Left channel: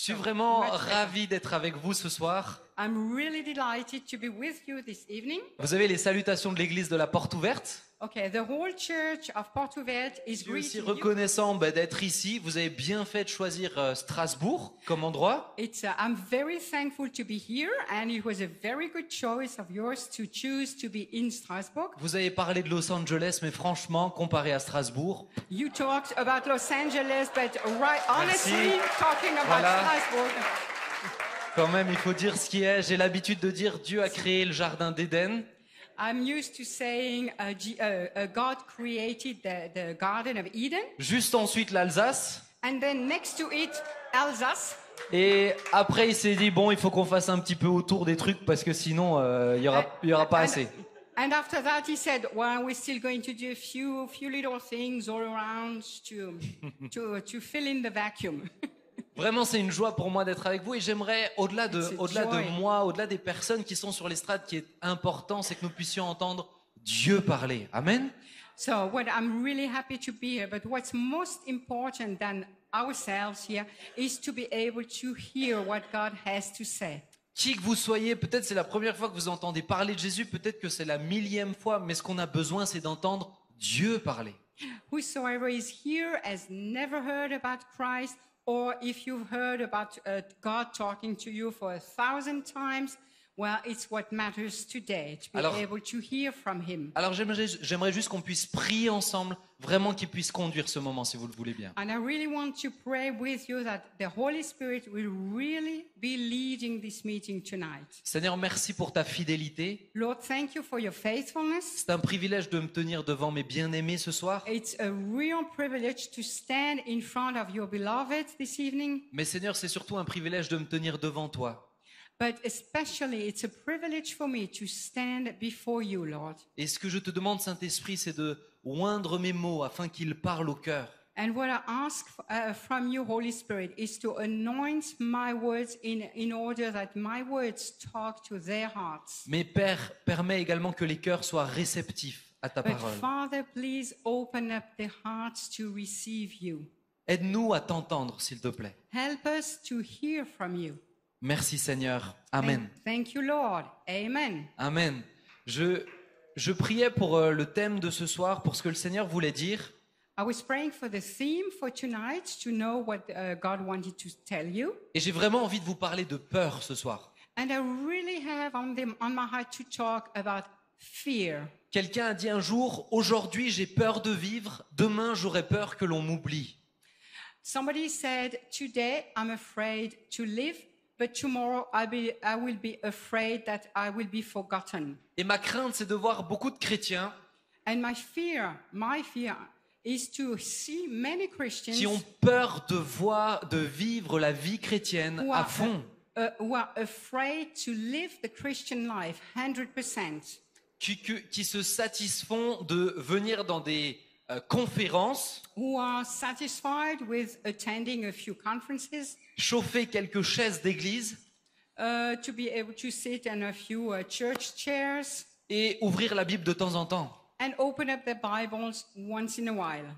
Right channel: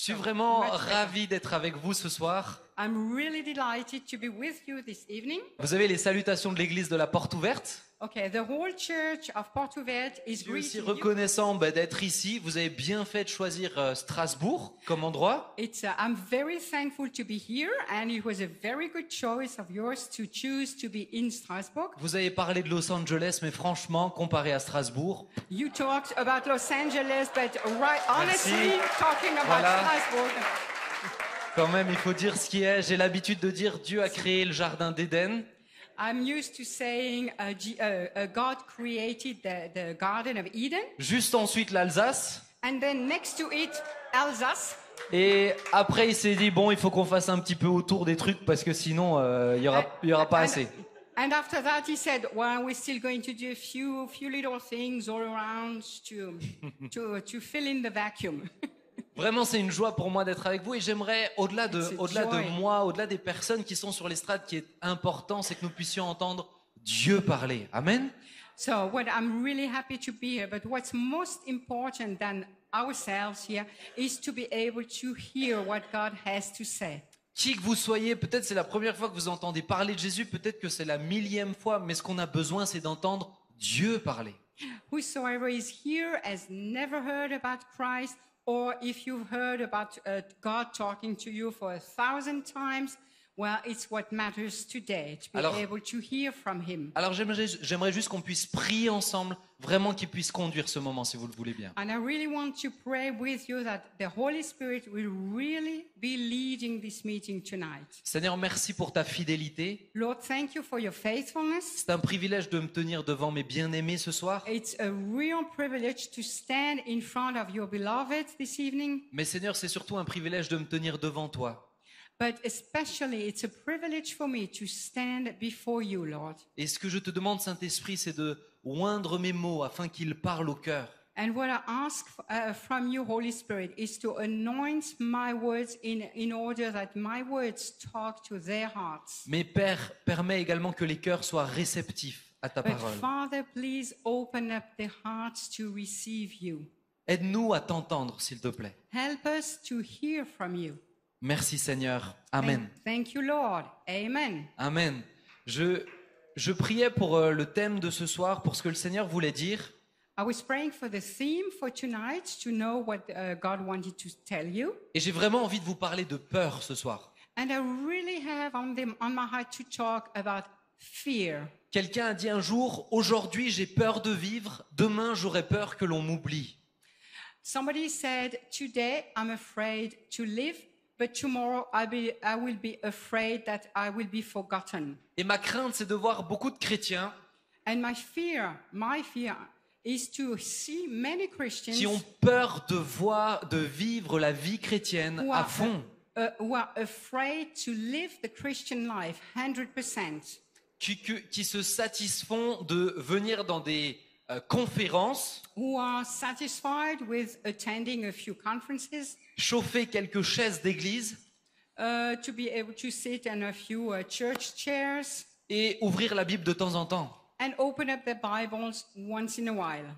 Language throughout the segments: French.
Je suis vraiment ravi d'être avec vous ce soir. I'm really delighted to be with you this evening. Vous avez les salutations de l'église de la Porte Ouverte. Okay, the whole church of Portuvet is Je suis aussi greeting you. reconnaissant d'être ici. Vous avez bien fait de choisir Strasbourg comme endroit. I'm very thankful to be here, and it was a very good choice of yours to choose to be in Strasbourg. Vous avez parlé de Los Angeles, mais franchement, comparé à Strasbourg, You talked about Los Angeles, but honestly, Merci. talking about Voilà. Strasbourg, quand même, il faut dire ce qui est. J'ai l'habitude de dire Dieu a créé le jardin d'Éden. I'm used to saying God created the Garden of Eden, Juste ensuite l'Alsace. and then next to it, Alsace. Et après, il s'est dit, bon, il faut qu'on fasse un petit peu autour des trucs parce que sinon, il y aura pas assez. And after that, he said, "Well, we're still going to do a few little things all around to fill in the vacuum." Vraiment, c'est une joie pour moi d'être avec vous et j'aimerais, au-delà It's a de joy. moi, au-delà des personnes qui sont sur l'estrade, qui est important, c'est que nous puissions entendre Dieu parler. Amen. So, what I'm really happy to be here. But what's most important than ourselves here is to be able to hear what God has to say. Qui que vous soyez, peut-être c'est la première fois que vous entendez parler de Jésus, peut-être que c'est la 1000e fois, mais ce qu'on a besoin, c'est d'entendre Dieu parler. Whosoever is here has never heard about Christ, or if you've heard about God talking to you for 1,000 times, well, it's what matters today, to be Alors- able to hear from Him. Alors j'aimerais juste qu'on puisse prier ensemble, vraiment qu'il puisse conduire ce moment, si vous le voulez bien. And I really want to pray with you that the Holy Spirit will really be leading this meeting tonight. Seigneur, merci pour ta fidélité. Lord, thank you for your faithfulness. C'est un privilège de me tenir devant mes bien-aimés ce soir. It's a real privilege to stand in front of your beloved this evening, Mais Seigneur, c'est surtout un privilège de me tenir devant toi. but especially it's a privilege for me to stand before you, Lord. Et ce que je te demande, Saint-Esprit, c'est de oindre mes mots afin qu'ils parlent au cœur. And what I ask from you, Holy Spirit, is to anoint my words in order that my words talk to their hearts. Mais Père, permets également que les cœurs soient réceptifs à ta But parole. Father, please open up the hearts to receive you. Aide-nous à t'entendre, s'il te plaît. Help us to hear from you. Merci Seigneur. Amen. Thank you, Lord. Amen. Amen. Je priais pour le thème de ce soir, pour ce que le Seigneur voulait dire. I was praying for the theme for tonight to know what God wanted to tell you. Et j'ai vraiment envie de vous parler de peur ce soir. And I really have on my heart to talk about fear. Quelqu'un a dit un jour, aujourd'hui j'ai peur de vivre, demain j'aurai peur que l'on m'oublie. Somebody said, today I'm afraid to live, but tomorrow I will be afraid that I will be forgotten. Et ma crainte, c'est de voir beaucoup de chrétiens And my fear is to see many Christians qui ont peur de vivre la vie chrétienne who à fond, who are afraid to live the Christian life 100%. qui se satisfont de venir dans des conférences, Who are satisfied with attending a few conferences, chauffer quelques chaises d'église to be able to sit in a few church chairs et ouvrir la Bible de temps en temps. and open up their Bibles once in a while.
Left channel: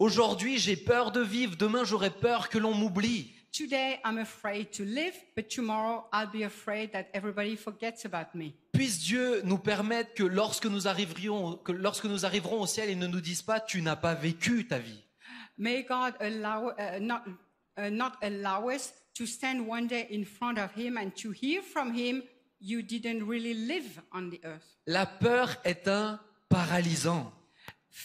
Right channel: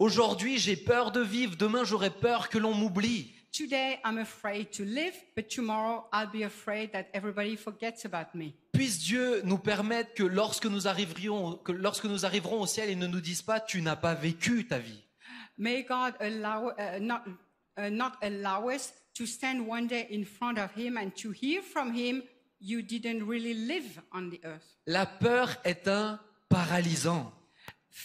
Aujourd'hui, j'ai peur de vivre, demain j'aurai peur que l'on m'oublie. Today I'm afraid to live, but tomorrow I'll be afraid that everybody forgets about me. Puisse Dieu nous permettre que lorsque nous arriverons au ciel, il ne nous dise pas tu n'as pas vécu ta vie. May God not allow us to stand one day in front of Him and to hear from Him, you didn't really live on the earth. La peur est un paralysant.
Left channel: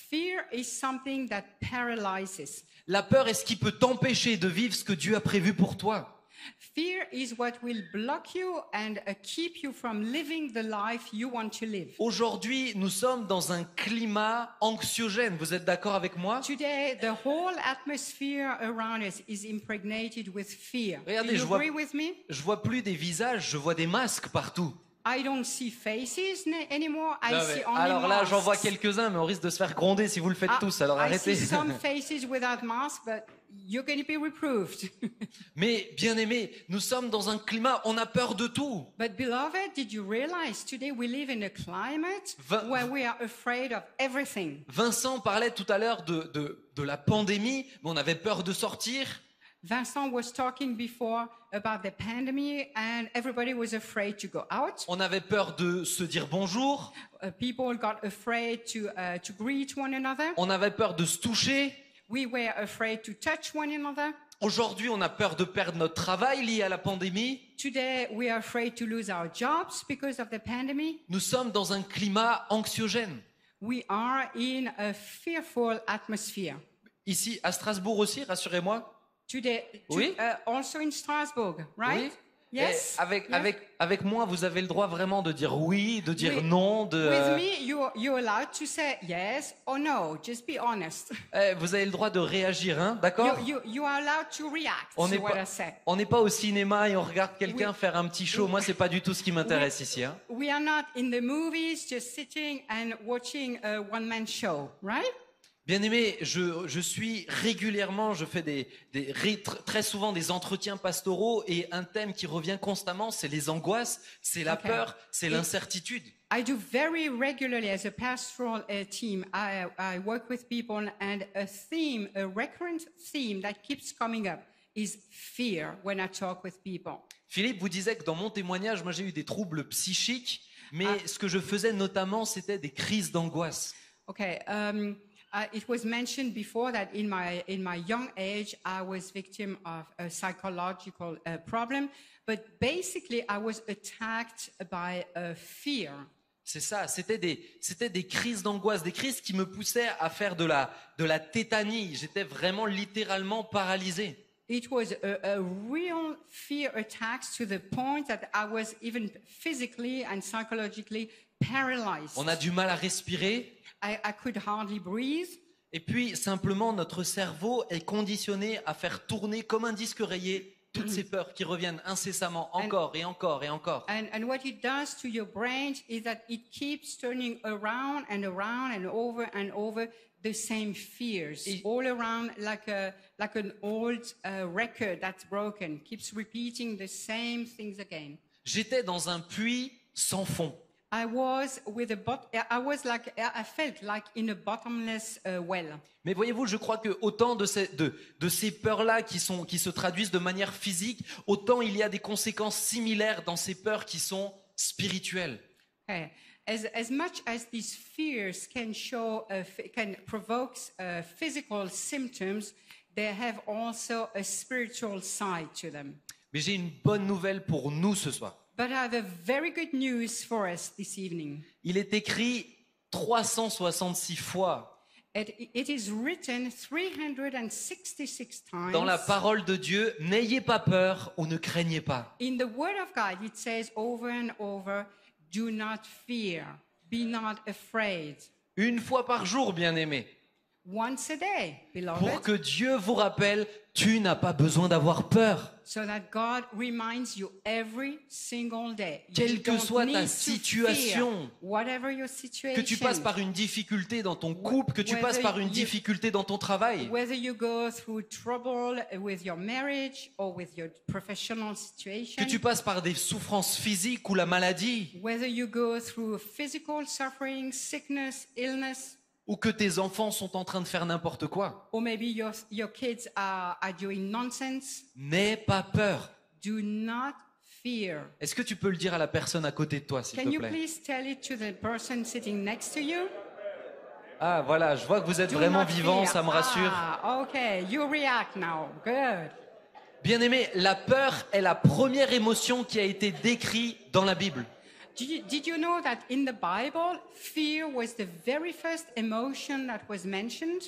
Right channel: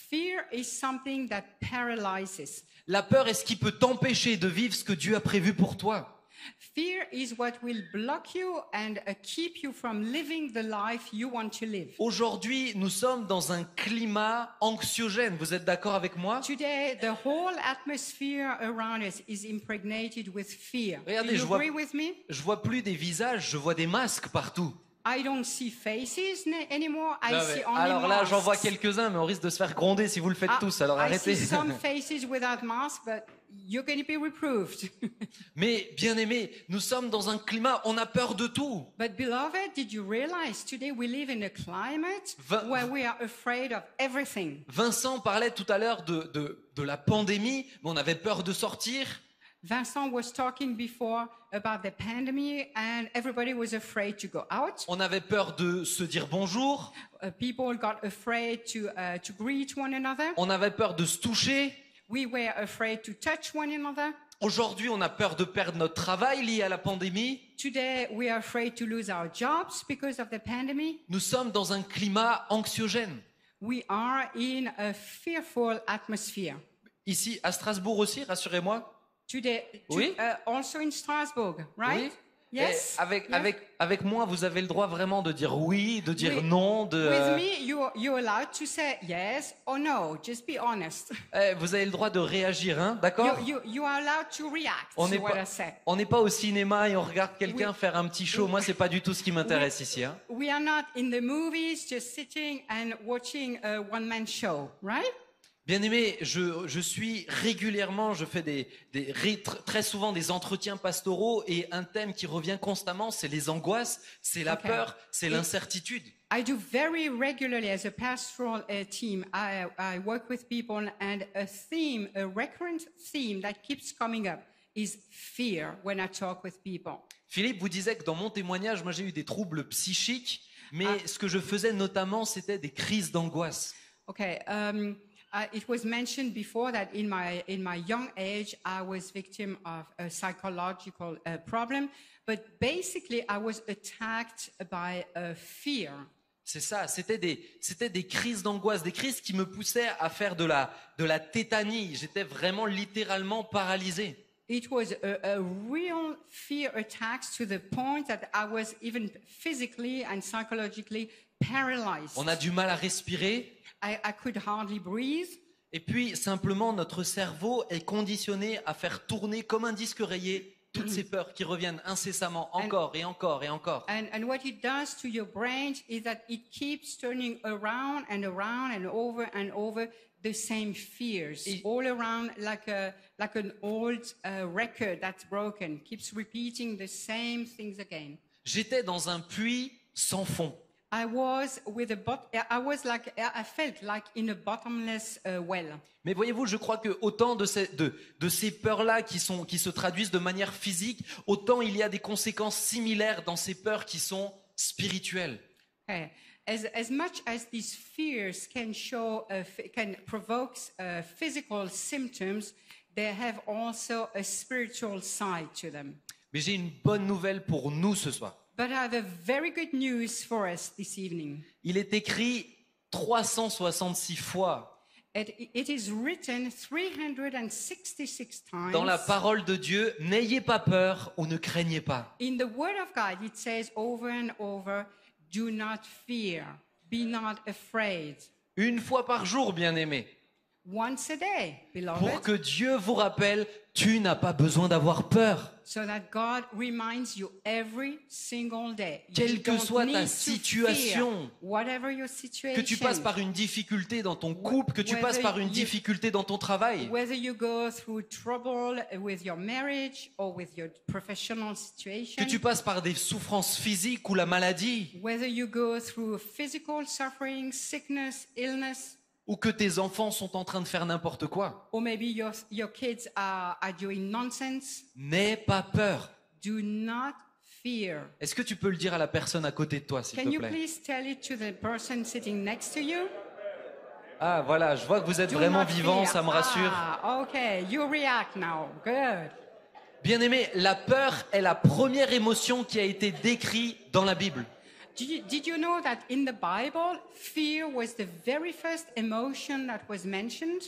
Fear is something that paralyzes. La peur est ce qui peut t'empêcher de vivre ce que Dieu a prévu pour toi. Fear is what will block you and keep you from living the life you want to live. Aujourd'hui, nous sommes dans un climat anxiogène. Vous êtes d'accord avec moi? Today, the whole atmosphere around us is impregnated with fear. Regardez, Do you agree with me? je vois plus des visages, je vois des masques partout. I don't see faces anymore. I see only Alors là, j'en vois masks. quelques-uns, mais on risque de se faire gronder si vous le faites tous. Alors I arrêtez. see some faces without masks, but you're going to be reproved. Mais bien aimés, nous sommes dans un climat, on a peur de tout. But beloved, did you realize today we live in a climate where we are afraid of everything? Vincent parlait tout à l'heure de la pandémie, mais on avait peur de sortir. Vincent was talking before about the pandemic, and everybody was afraid to go out. On avait peur de se dire bonjour. People got afraid to greet one another. On avait peur de se toucher. We were afraid to touch one another. Aujourd'hui, on a peur de perdre notre travail lié à la pandémie. Today, we are afraid to lose our jobs because of the pandemic. Nous sommes dans un climat anxiogène. We are in a fearful atmosphere. Ici, à Strasbourg aussi, rassurez-moi. Today, Oui. Also in Strasbourg, right? Oui. Yes. Et avec moi, vous avez le droit vraiment de dire oui, de dire Oui. non, de. With me, you're allowed to say yes or no. Just be honest. Vous avez le droit de réagir, hein, d'accord? You are allowed to react On to n'est what pas, I said. on n'est pas au cinéma et on regarde quelqu'un Oui. faire un petit show. Moi, c'est pas du tout ce qui m'intéresse ici, hein. We are not in the movies just sitting and watching a one-man show, right? Bien-aimé, je suis régulièrement, je fais très souvent des entretiens pastoraux et un thème qui revient constamment, c'est les angoisses, c'est la Okay. peur, c'est l'incertitude. I do very regularly as a pastoral team. I work with people, and a recurrent theme that keeps coming up is fear when I talk with people. Philippe vous disait que dans mon témoignage, moi j'ai eu des troubles psychiques, mais ce que je faisais notamment, c'était des crises d'angoisse. Okay. It was mentioned before that in my young age, I was victim of a psychological problem, but basically I was attacked by fear. C'est ça, c'était des crises d'angoisse, des crises qui me poussaient à faire de la tétanie. J'étais vraiment littéralement paralysé. It was a real fear attacks to the point that I was even physically and psychologically paralyzed. On a du mal à respirer. I could hardly breathe. Et puis, simplement, notre cerveau est conditionné à faire tourner comme un disque rayé toutes ces peurs qui reviennent incessamment encore et encore et encore. And what it does to your brain is that it keeps turning around and around and over the same fears, all around like an old record that's broken, keeps repeating the same things again. J'étais dans un puits sans fond. I felt like in a bottomless well. Mais voyez-vous, je crois que autant de ces peurs-là qui se traduisent de manière physique, autant il y a des conséquences similaires dans ces peurs qui sont spirituelles. Okay. As much as these fears can provoke physical symptoms, they have also a spiritual side to them. Mais j'ai une bonne nouvelle pour nous ce soir. But I have a very good news for us this evening. Il est écrit 366 fois It is written 366 times. dans la parole de Dieu, n'ayez pas peur ou ne craignez pas. In the Word of God, it says over and over, do not fear, be not afraid. Une fois par jour, bien-aimé, Once a day, pour beloved, que Dieu vous rappelle, tu n'as pas besoin d'avoir peur. so that God reminds you every single day. Quelle You que don't soit ta need to situation, fear, whatever your que tu passes situation, par une difficulté dans ton couple, que tu passes par une difficulté dans ton travail, whether you go through trouble with your marriage or with your professional que situation, tu passes par des souffrances physiques ou la maladie, whether you go through physical suffering, sickness, illness, ou que tes enfants sont en train de faire n'importe quoi. or maybe your kids are doing nonsense, N'aie pas peur. do not fear. Est-ce que tu peux le dire à la personne à côté de toi, s'il Can te you plaît? please tell it to the person sitting next to you? Ah, voilà, je vois que vous êtes Do vraiment not vivant, fear. ça me rassure. Ah, okay, you react now. Good. Bien-aimé, la peur est la première émotion qui a été décrite dans la Bible. Did you know that in the Bible, fear was the very first emotion that was mentioned?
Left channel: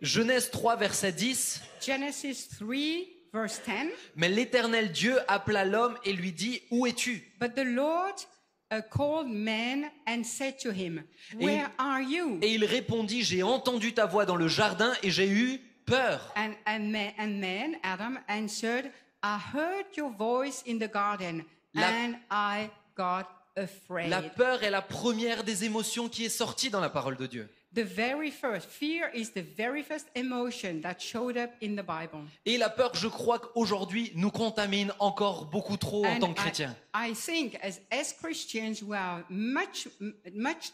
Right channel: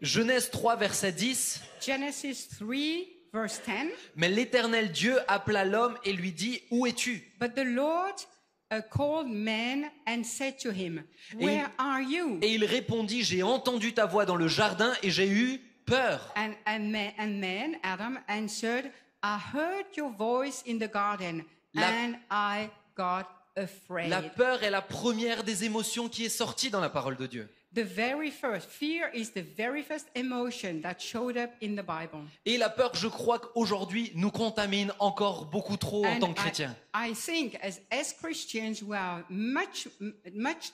Genèse 3, verset 10. Genesis 3, verse 10. Mais l'Éternel Dieu appela l'homme et lui dit, où es-tu? But the Lord called man and said to him, where are you? Et il répondit, j'ai entendu ta voix dans le jardin et j'ai eu peur. And man, Adam, answered, I heard your voice in the garden, and I got afraid. La peur est la première des émotions qui est sortie dans la parole de Dieu. The very first, fear is the very first emotion that showed up in the Bible. Et la peur, je crois qu'aujourd'hui, nous contamine encore beaucoup trop en And tant que chrétiens. I think as Christians, we are much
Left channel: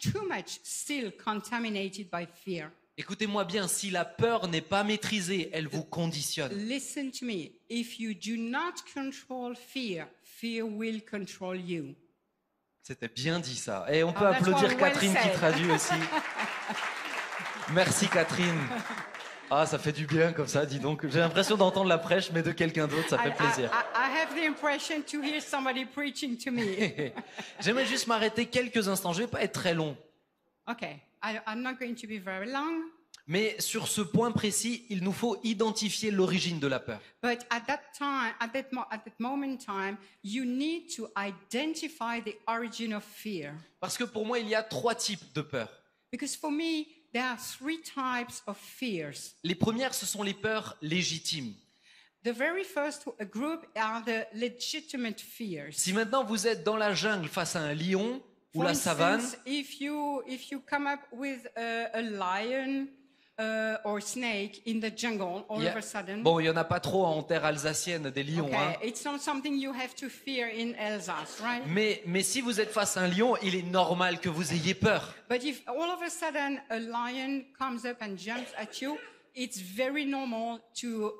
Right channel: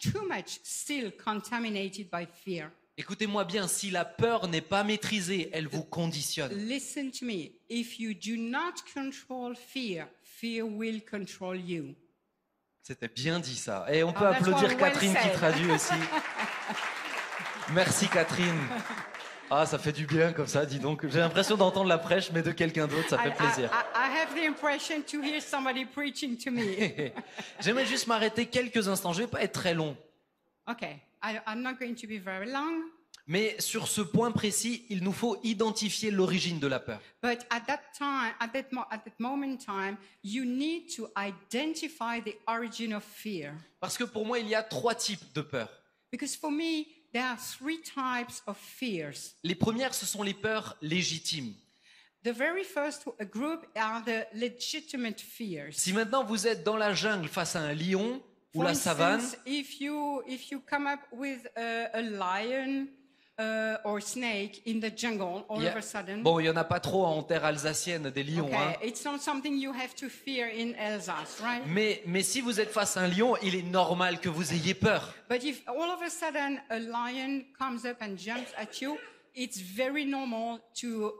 too much still contaminated by fear. Écoutez-moi bien, si la peur n'est pas maîtrisée, elle vous conditionne. Listen to me. If you do not control fear, fear will control you. C'était bien dit ça. Et on peut that's applaudir well Catherine qui said. traduit aussi. Merci Catherine. Ah, ça fait du bien comme ça, dis donc. J'ai l'impression d'entendre la prêche, mais de quelqu'un d'autre, ça fait plaisir. I have the impression to hear somebody preaching to me. J'aimerais juste m'arrêter quelques instants. Je vais pas être très long. Okay, I'm not going to be very long. Mais sur ce point précis, il nous faut identifier l'origine de la peur. But at that moment in time, you need to identify the origin of fear. Parce que pour moi, il y a 3 types de peur. Because for me, there are 3 types of fears. Les premières, ce sont les peurs légitimes. The very first group are the legitimate fears. Si maintenant vous êtes dans la jungle face à un lion ou For la instance, savane, if you come up with a lion or snake in the jungle, all of a sudden, bon, il y en a pas trop en terre alsacienne des lions, hein. okay, it's not something you have to fear in Alsace, right? Mais si vous êtes face à un lion, il est normal que vous ayez peur. But if all of a sudden a lion comes up and jumps at you, it's very normal to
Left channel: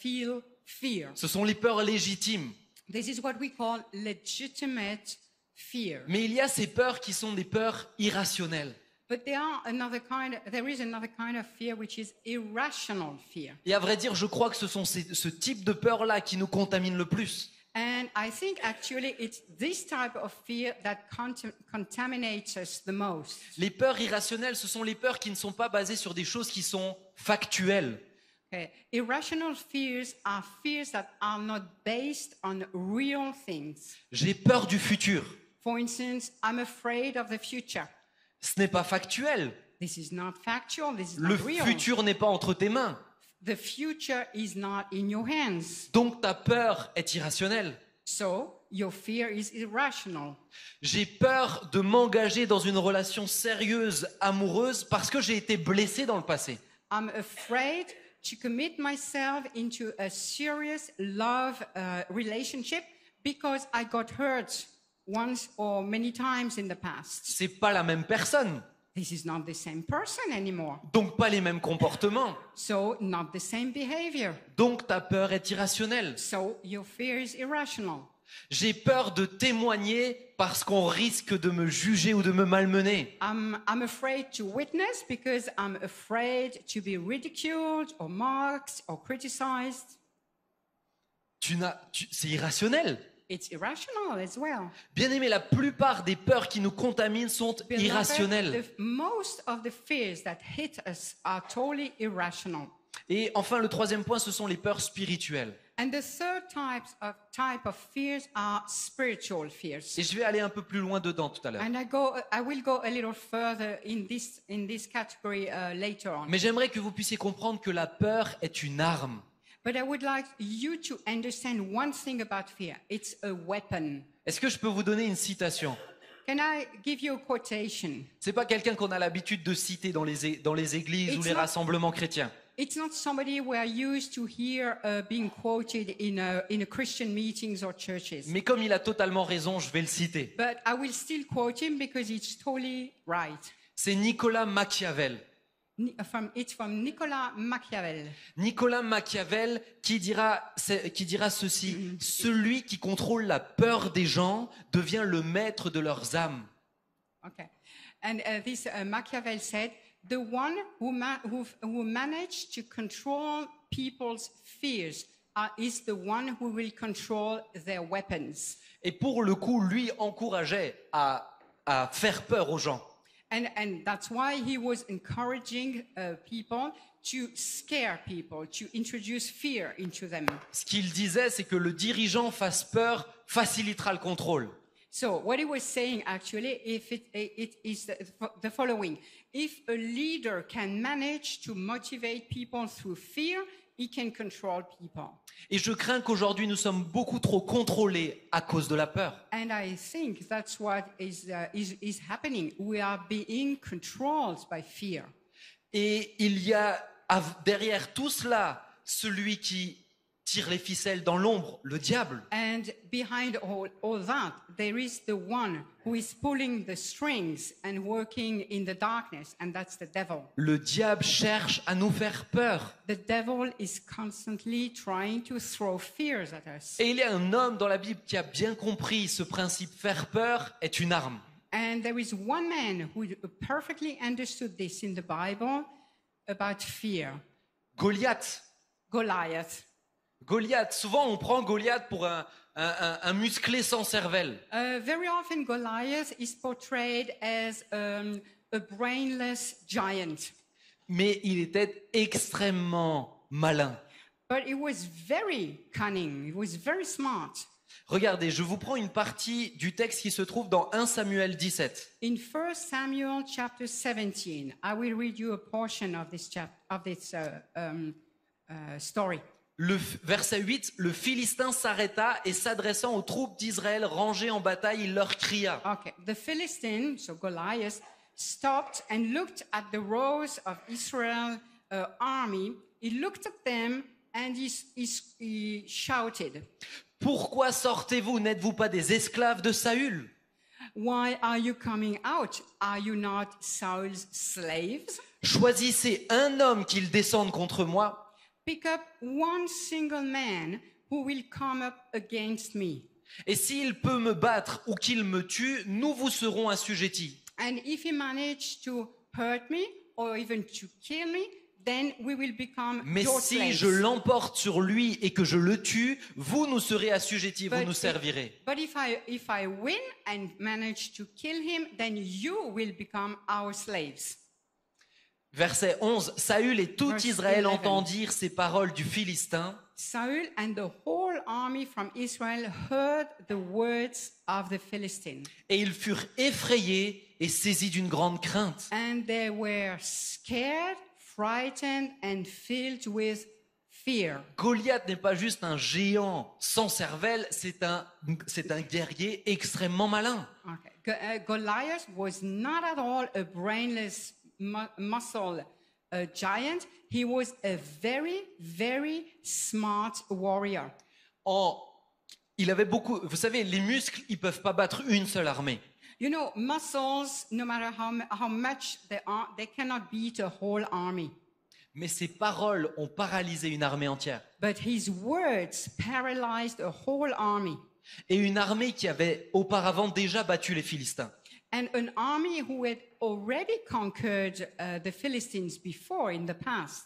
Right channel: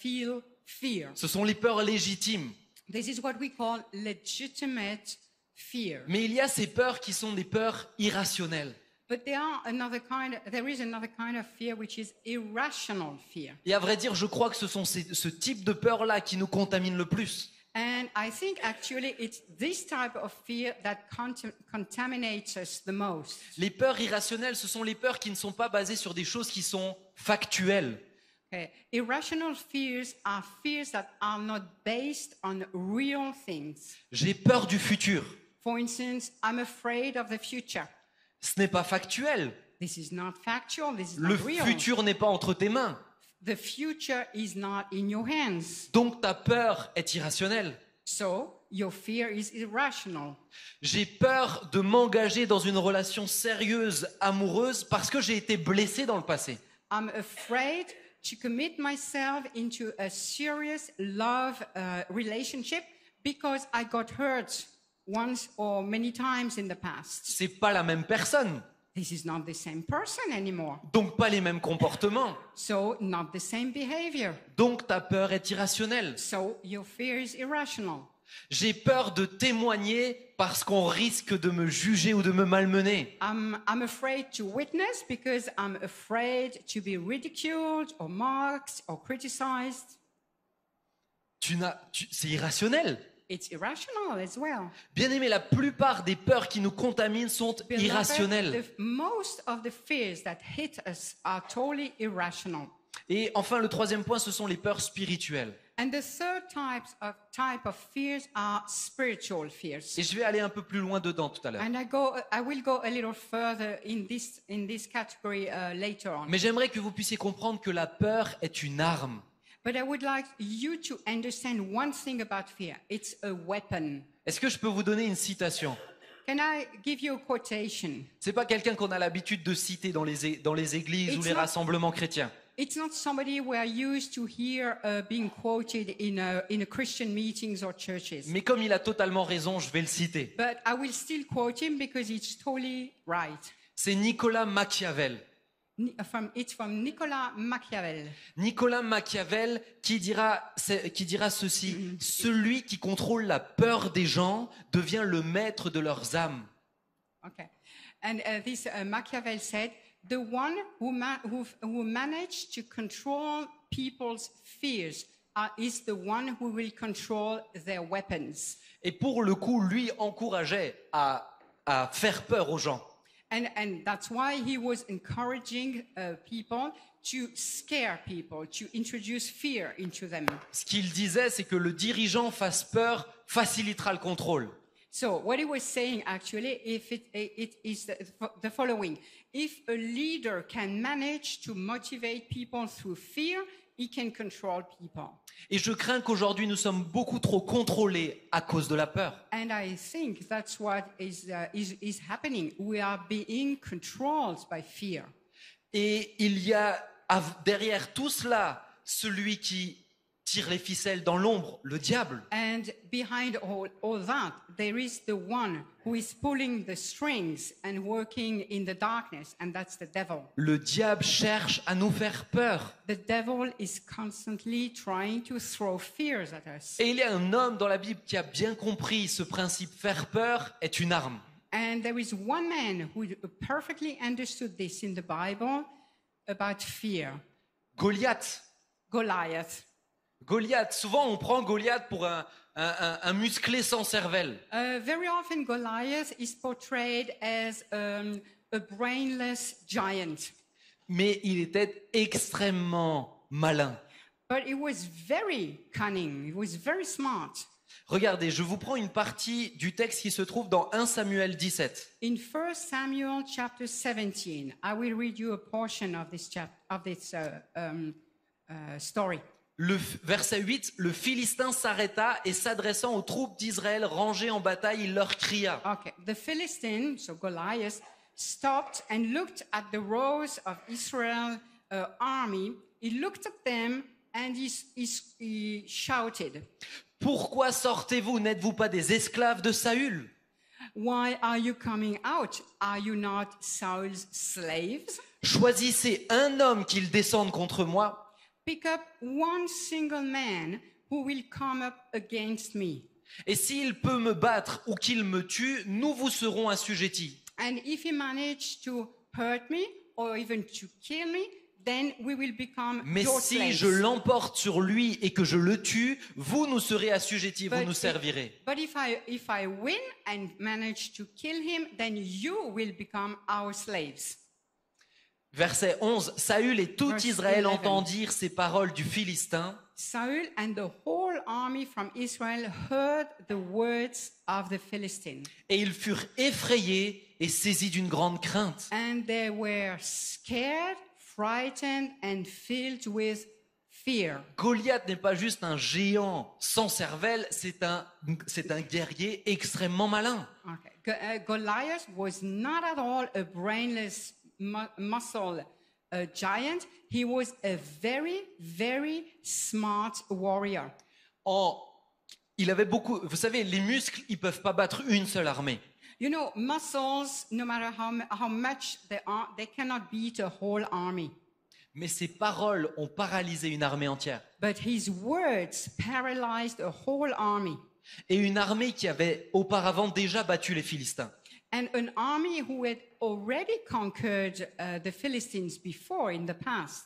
feel fear. Ce sont les peurs légitimes. This is what we call legitimate fear. Mais il y a ces peurs qui sont des peurs irrationnelles. But there is another kind of fear which is irrational fear. Et à vrai dire, je crois que ce sont ce type de peur-là qui nous contamine le plus. And I think actually it's this type of fear that contaminates us the most. Les peurs irrationnelles, ce sont les peurs qui ne sont pas basées sur des choses qui sont factuelles. Okay. Irrational fears are fears that are not based on real things. J'ai peur du futur. For instance, I'm afraid of the future. Ce n'est pas factuel. This is not factual. This is Le not real. futur n'est pas entre tes mains. The future is not in your hands. Donc ta peur est irrationnelle. So your fear is irrational. J'ai peur de m'engager dans une relation sérieuse, amoureuse, parce que j'ai été blessé dans le passé. I'm afraid to commit myself into a serious love relationship because I got hurt once or many times in the past. C'est pas la même personne. This is not the same person anymore. Donc pas les mêmes comportements. So not the same behavior. Donc ta peur est irrationnelle. So your fear is irrational. J'ai peur de témoigner parce qu'on risque de me juger ou de me malmener. I'm afraid to witness because I'm afraid to be ridiculed or mocked or criticized. C'est irrationnel. It's irrational as well. Bien aimé, la plupart des peurs qui nous contaminent sont irrationnelles. Most of the fears that hit us are totally irrational. Et enfin, le troisième point, ce sont les peurs spirituelles. And the third type of fears are spiritual fears. Et je vais aller un peu plus loin dedans tout à l'heure. And I will go a little further in this category later on. Mais j'aimerais que vous puissiez comprendre que la peur est une arme. But I would like you to understand one thing about fear. It's a weapon. Est-ce que je peux vous donner une citation? Can I give you a quotation? C'est pas quelqu'un qu'on a l'habitude de citer dans les églises ou les rassemblements chrétiens. It's not somebody we are used to hear being quoted in a Christian meetings or churches. Mais comme il a totalement raison, je vais le citer. But I will still quote him because it's totally right. C'est Nicolas Machiavel. It's from Nicolas Machiavel. Nicolas Machiavel qui dira ceci: celui qui contrôle la peur des gens devient le maître de leurs âmes. Okay, and this Machiavel said, the one who managed to control people's fears is the one who will control their weapons. Et pour le coup, lui encourageait à faire peur aux gens. And that's why he was encouraging people to scare people, to introduce fear into them. Ce qu'il disait, c'est que le dirigeant fasse peur facilitera le contrôle. So what he was saying actually, it is the following: if a leader can manage to motivate people through fear, he can control people. Et je crains qu'aujourd'hui nous sommes beaucoup trop contrôlés à cause de la peur. And I think that's what is happening. We are being controlled by fear. Et il y a derrière tout cela celui qui tire les ficelles dans l'ombre, le diable. And behind all that, there is the one who is pulling the strings and working in the darkness, and that's the devil. Le diable cherche à nous faire peur. The devil is constantly trying to throw fears at us. Et il y a un homme dans la Bible qui a bien compris ce principe. Faire peur est une arme. And there is one man who perfectly understood this in the Bible about fear. Goliath. Goliath. Goliath, souvent on prend Goliath pour un musclé sans cervelle. Very often Goliath is portrayed as a brainless giant. Mais il était extrêmement malin. But he was very cunning. He was very smart. Regardez, je vous prends une partie du texte qui se trouve dans 1 Samuel 17. In 1 Samuel chapter 17, I will read you a portion of this story. Verset 8, le Philistin s'arrêta et s'adressant aux troupes d'Israël rangées en bataille, il leur cria. Okay, the Philistine, so Goliath, stopped and looked at the rows of Israel army. He looked at them and he shouted. Pourquoi sortez-vous? N'êtes-vous pas des esclaves de Saül? Why are you coming out? Are you not Saul's slaves? Choisissez un homme qu'il descende contre moi. Pick up one single man who will come up against me. Et s'il peut me battre ou qu'il me tue, nous vous serons assujettis. And if he manage to hurt me or even to kill me, then we will become Mais your si slaves. je l'emporte sur lui et que je le tue, vous nous serez assujettis, vous nous servirez. But if I win and manage to kill him, then you will become our slaves. Verset 11, Saül et tout Verse Israël 11. entendirent ces paroles du Philistin. Saul and the whole army from Israel heard the words of the Philistine. Et ils furent effrayés et saisis d'une grande crainte. And they were scared, frightened, and filled with fear. Goliath n'est pas juste un géant sans cervelle, c'est un guerrier extrêmement malin. Okay. Goliath was not at all a brainless muscle giant. He was a very, very smart warrior. Il avait beaucoup, vous savez, les muscles, ils peuvent pas battre une seule armée. You know, muscles, no matter how much they are, they cannot beat a whole army. Mais ses paroles ont paralysé une armée entière. But his words paralyzed a whole army. Et une armée qui avait auparavant déjà battu les Philistins. And an army who had already conquered the Philistines before in the past.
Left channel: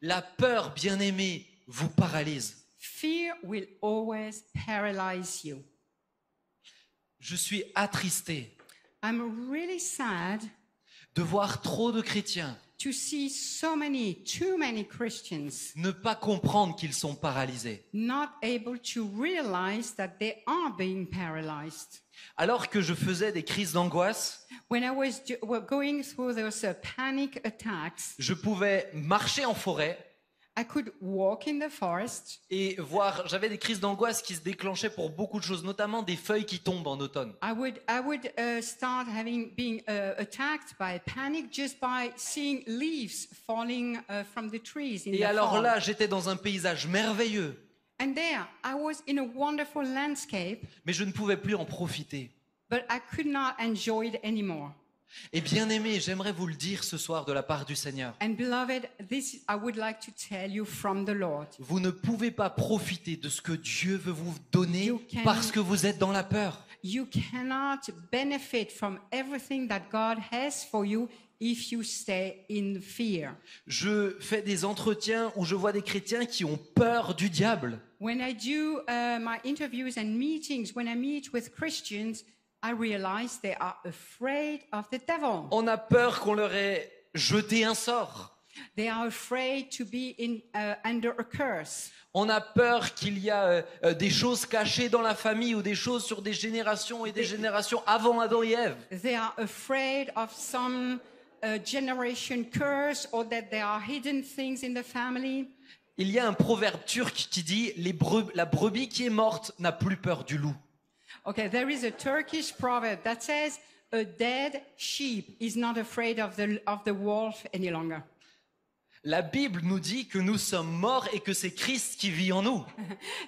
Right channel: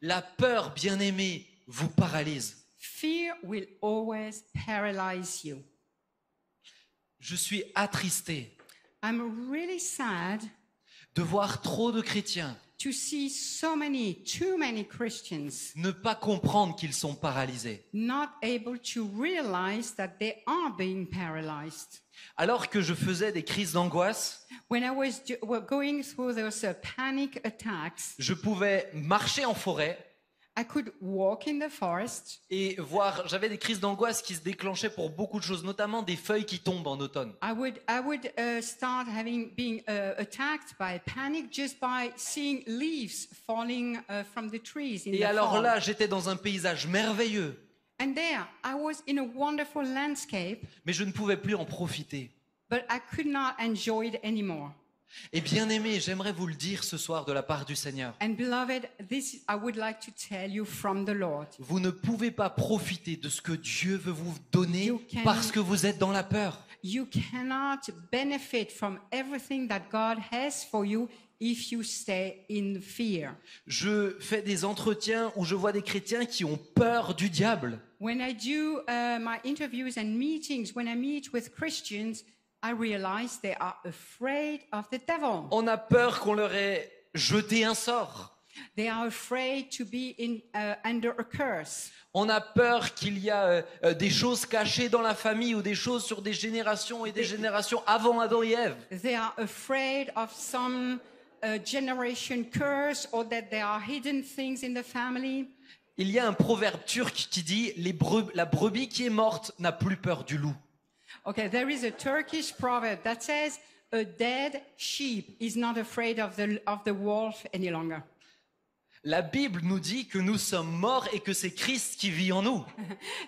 La peur, bien-aimée, vous paralyse. Fear will always paralyze you. Je suis attristé I'm really sad de voir trop de chrétiens to see too many Christians ne pas comprendre qu'ils sont paralysés. not able to realize that they are being paralyzed. Alors que je faisais des crises d'angoisse, When I was going through those panic attacks, je pouvais marcher en forêt I could walk in the forest. et voir, j'avais des crises d'angoisse qui se déclenchaient pour beaucoup de choses, notamment des feuilles qui tombent en automne. I would start being attacked by panic just by seeing leaves falling from the trees in Et the alors fall. là, j'étais dans un paysage merveilleux, And there, I was in a wonderful landscape, mais je ne pouvais plus en profiter. but I could not enjoy it anymore. Et bien aimé, j'aimerais vous le dire ce soir de la part du Seigneur. And beloved, this I would like to tell you from the Lord. Vous ne pouvez pas profiter de ce que Dieu veut vous donner You can- parce que vous êtes dans la peur. You cannot benefit from everything that God has for you if you stay in fear. Je fais des entretiens où je vois des chrétiens qui ont peur du diable. When I do my interviews and meetings, when I meet with Christians, I realize they are afraid of the devil. On a peur qu'on leur ait jeté un sort. They are afraid to be under a curse. On a peur qu'il y a des choses cachées dans la famille ou des choses sur des générations et des générations avant Adam et Ève. They are afraid of some generation curse or that there are hidden things in the family. Il y a un proverbe turc qui dit la brebis qui est morte n'a plus peur du loup. Okay, there is a Turkish proverb that says a dead sheep is not afraid of the wolf any longer. La Bible nous dit que nous sommes morts et que c'est Christ qui vit en nous.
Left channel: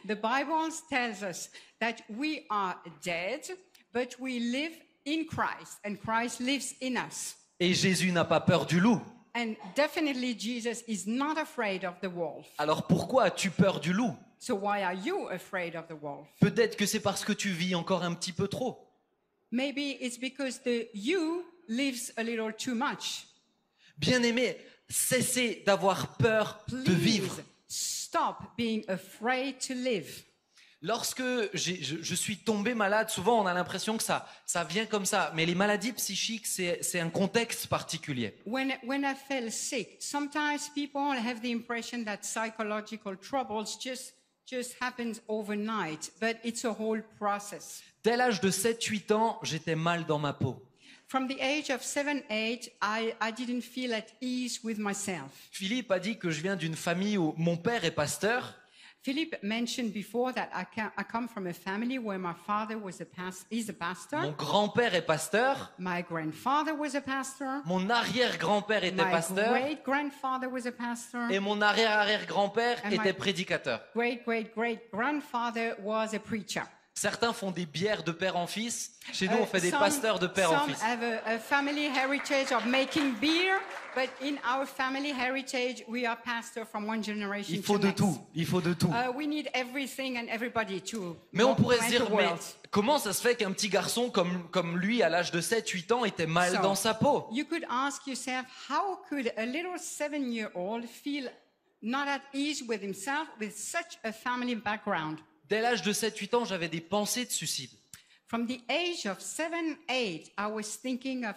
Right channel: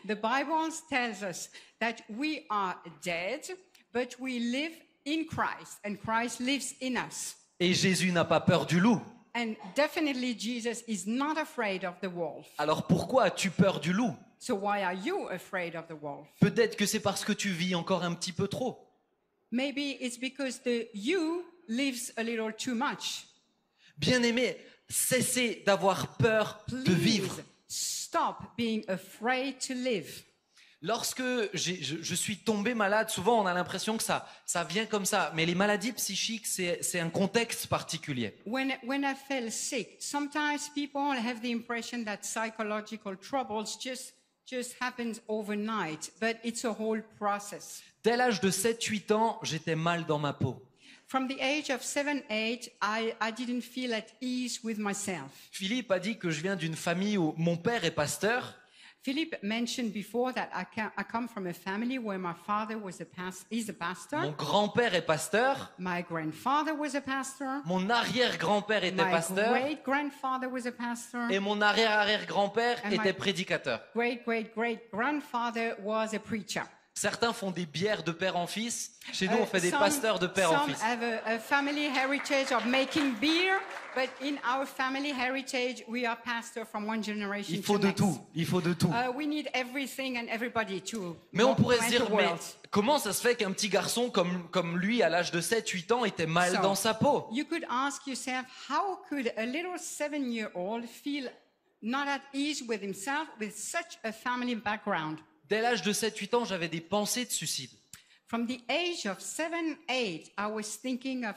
The Bible tells us that we are dead, but we live in Christ, and Christ lives in us. Et Jésus n'a pas peur du loup. And definitely Jesus is not afraid of the wolf. Alors pourquoi as-tu peur du loup? So why are you afraid of the wolf? Peut-être que c'est parce que tu vis encore un petit peu trop. Maybe it's because the you lives a little too much. Bien-aimé, cessez d'avoir peur de vivre. Please stop being afraid to live. Lorsque je suis tombé malade, souvent on a l'impression que ça vient comme ça. Mais les maladies psychiques, c'est un contexte particulier. When I fell sick, sometimes people have the impression that psychological troubles just happens overnight, but it's a whole process. Dès l'âge de 7-8 ans, j'étais mal dans ma peau. From the age of 7, 8, I didn't feel at ease with myself. Philippe a dit que je viens d'une famille où mon père est pasteur. Philip mentioned before that I come from a family where my father is a pastor. Mon grand-père est pasteur. My grandfather was a pastor. Mon arrière-grand-père était My pasteur. great-grandfather was a pastor. Et mon arrière-arrière-grand-père And était my- prédicateur. Great-great-great-grandfather was a preacher. Certains font des bières de père en fils. Chez nous, on fait des pasteurs de père en Some fils. have a family heritage of making beer, but in our family heritage, we are pastor from one generation Il to faut de next. tout. Il faut de tout. We need everything and everybody to. Mais on pourrait se run dire, the mais world. comment ça se fait qu'un petit garçon comme lui, à l'âge de 7-8 ans, était mal So, dans sa peau? You could ask yourself, how could a little 7-year-old feel not at ease with himself with such a family background? Dès l'âge de 7-8 ans, j'avais des pensées de suicide. From the age of 7, 8, I was thinking of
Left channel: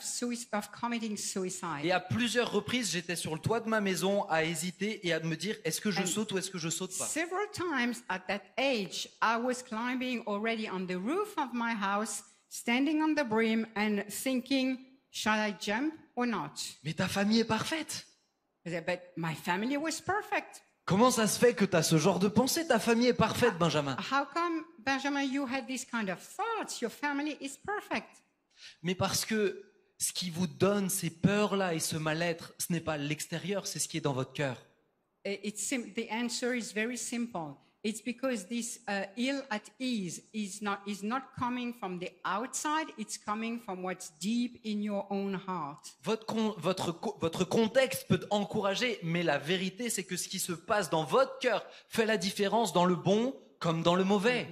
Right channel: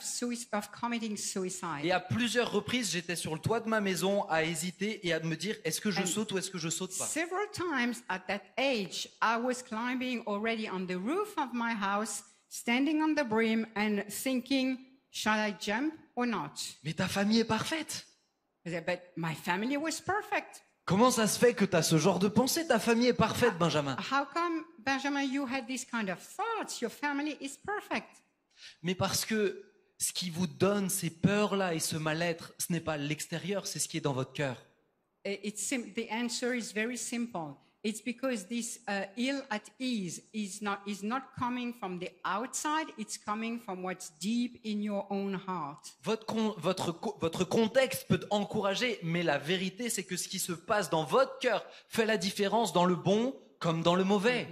committing suicide. Et à plusieurs reprises, j'étais sur le toit de ma maison à hésiter et à me dire, est-ce que je saute ou est-ce que je saute pas? Several times at that age, I was climbing already on the roof of my house, standing on the brim and thinking, shall I jump or not? Mais ta famille est parfaite. I said, but my family was perfect. Comment ça se fait que tu as ce genre de pensée? Ta famille est parfaite, Benjamin. How come, Benjamin, you had this kind of thoughts? Your family is perfect. Mais parce que ce qui vous donne ces peurs-là et ce mal-être, ce n'est pas l'extérieur, c'est ce qui est dans votre cœur. The answer is very simple. It's because this ill at ease is not coming from the outside. It's coming from what's deep in your own heart. Votre contexte peut encourager, mais la vérité, c'est que ce qui se passe dans votre cœur fait la différence dans le bon comme dans le mauvais.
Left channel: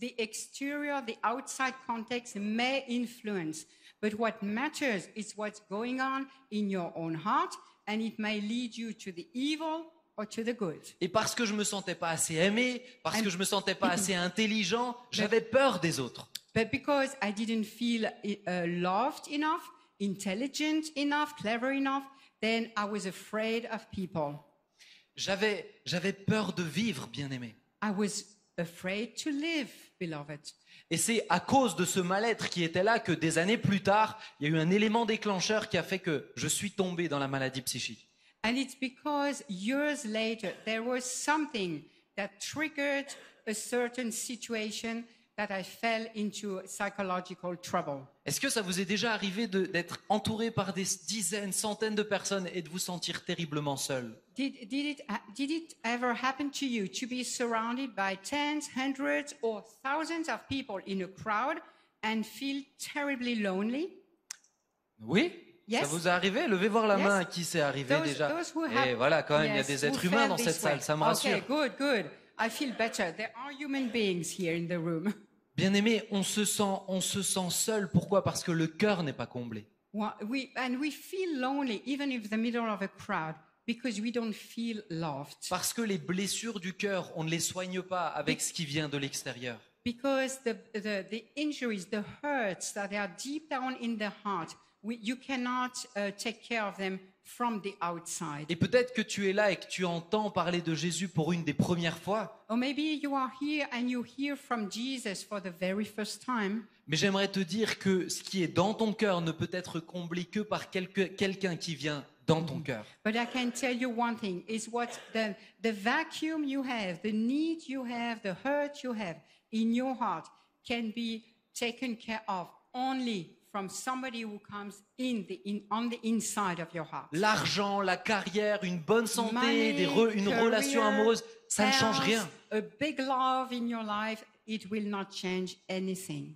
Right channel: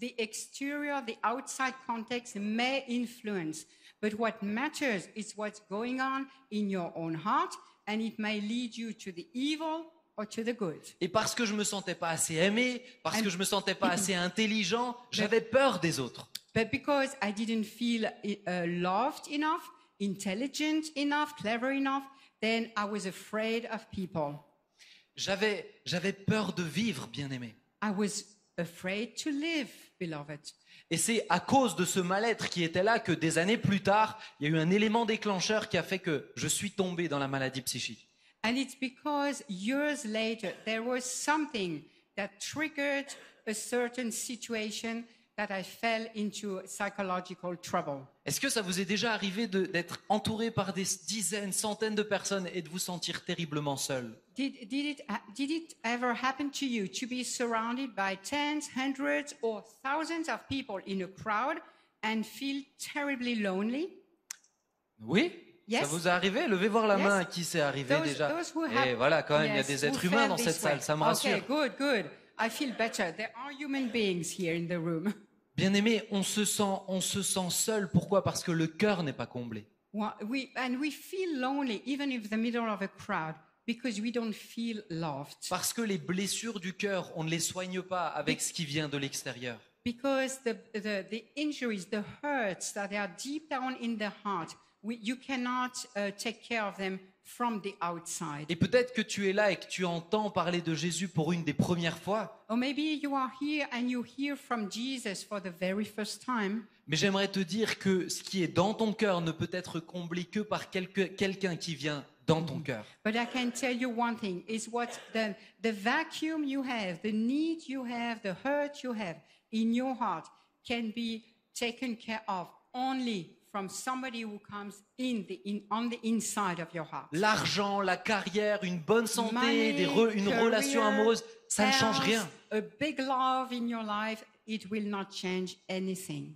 The exterior, the outside context may influence, but what matters is what's going on in your own heart, and it may lead you to the evil or to the good. Et parce que je me sentais pas assez aimé, parce que je me sentais pas assez intelligent, j'avais peur des autres. But because I didn't feel loved enough, intelligent enough, clever enough, then I was afraid of people. J'avais peur de vivre, bien-aimé. I was afraid to live, beloved. Et c'est à cause de ce mal-être qui était là que des années plus tard, il y a eu un élément déclencheur qui a fait que je suis tombé dans la maladie psychique. And it's because years later there was something that triggered a certain situation that I fell into psychological trouble. Est-ce que ça vous est déjà arrivé d'être entouré par des dizaines, centaines de personnes et de vous sentir terriblement seul? Did it ever happen to you to be surrounded by tens, hundreds, or thousands of people in a crowd and feel terribly lonely? Oui? Yes. Ça vous est arrivé? Levez voir la Yes. main à qui c'est arrivé déjà. Et have- voilà, quand même, il y a Yes, des who êtres humains felt dans this cette salle, way. ça me rassure. Okay, good. I feel better. There are human beings here in the room. Bien-aimé, on se sent seul. Pourquoi? Parce que le cœur n'est pas comblé. Well, we feel lonely even in the middle of a crowd because we don't feel loved. Parce que les blessures du cœur, on ne les soigne pas avec ce qui vient de l'extérieur. Because the injuries, the hurts that are deep down in the heart, you cannot take care of them from the outside. Et peut-être que tu es là et que tu entends parler de Jésus pour une des premières fois. Or maybe you are here and you hear from Jesus for the very first time. Mais j'aimerais te dire que ce qui est dans ton cœur ne peut être comblé que par quelqu'un qui vient dans ton cœur. But I can tell you one thing, is what the vacuum you have, the need you have, the hurt you have in your heart can be taken care of only from somebody who comes on the inside of your heart. L'argent, la carrière, une bonne santé, Money, une career, relation amoureuse, ça ne change health, rien. a big love in your life, it will not change anything.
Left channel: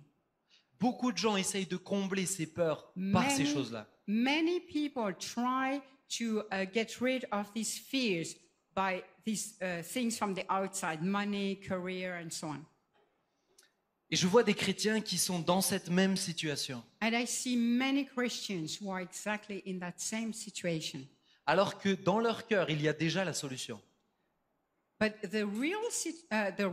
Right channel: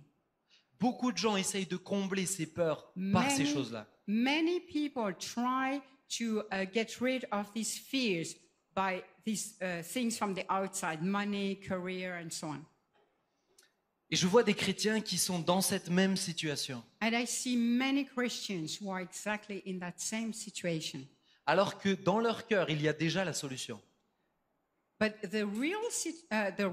Beaucoup de gens essayent de combler ces peurs par ces choses-là. Many people try to get rid of these fears by these things from the outside, money, career, and so on. Et je vois des chrétiens qui sont dans cette même situation. And I see many Christians who are exactly in that same situation. Alors que dans leur cœur, il y a déjà la solution. But the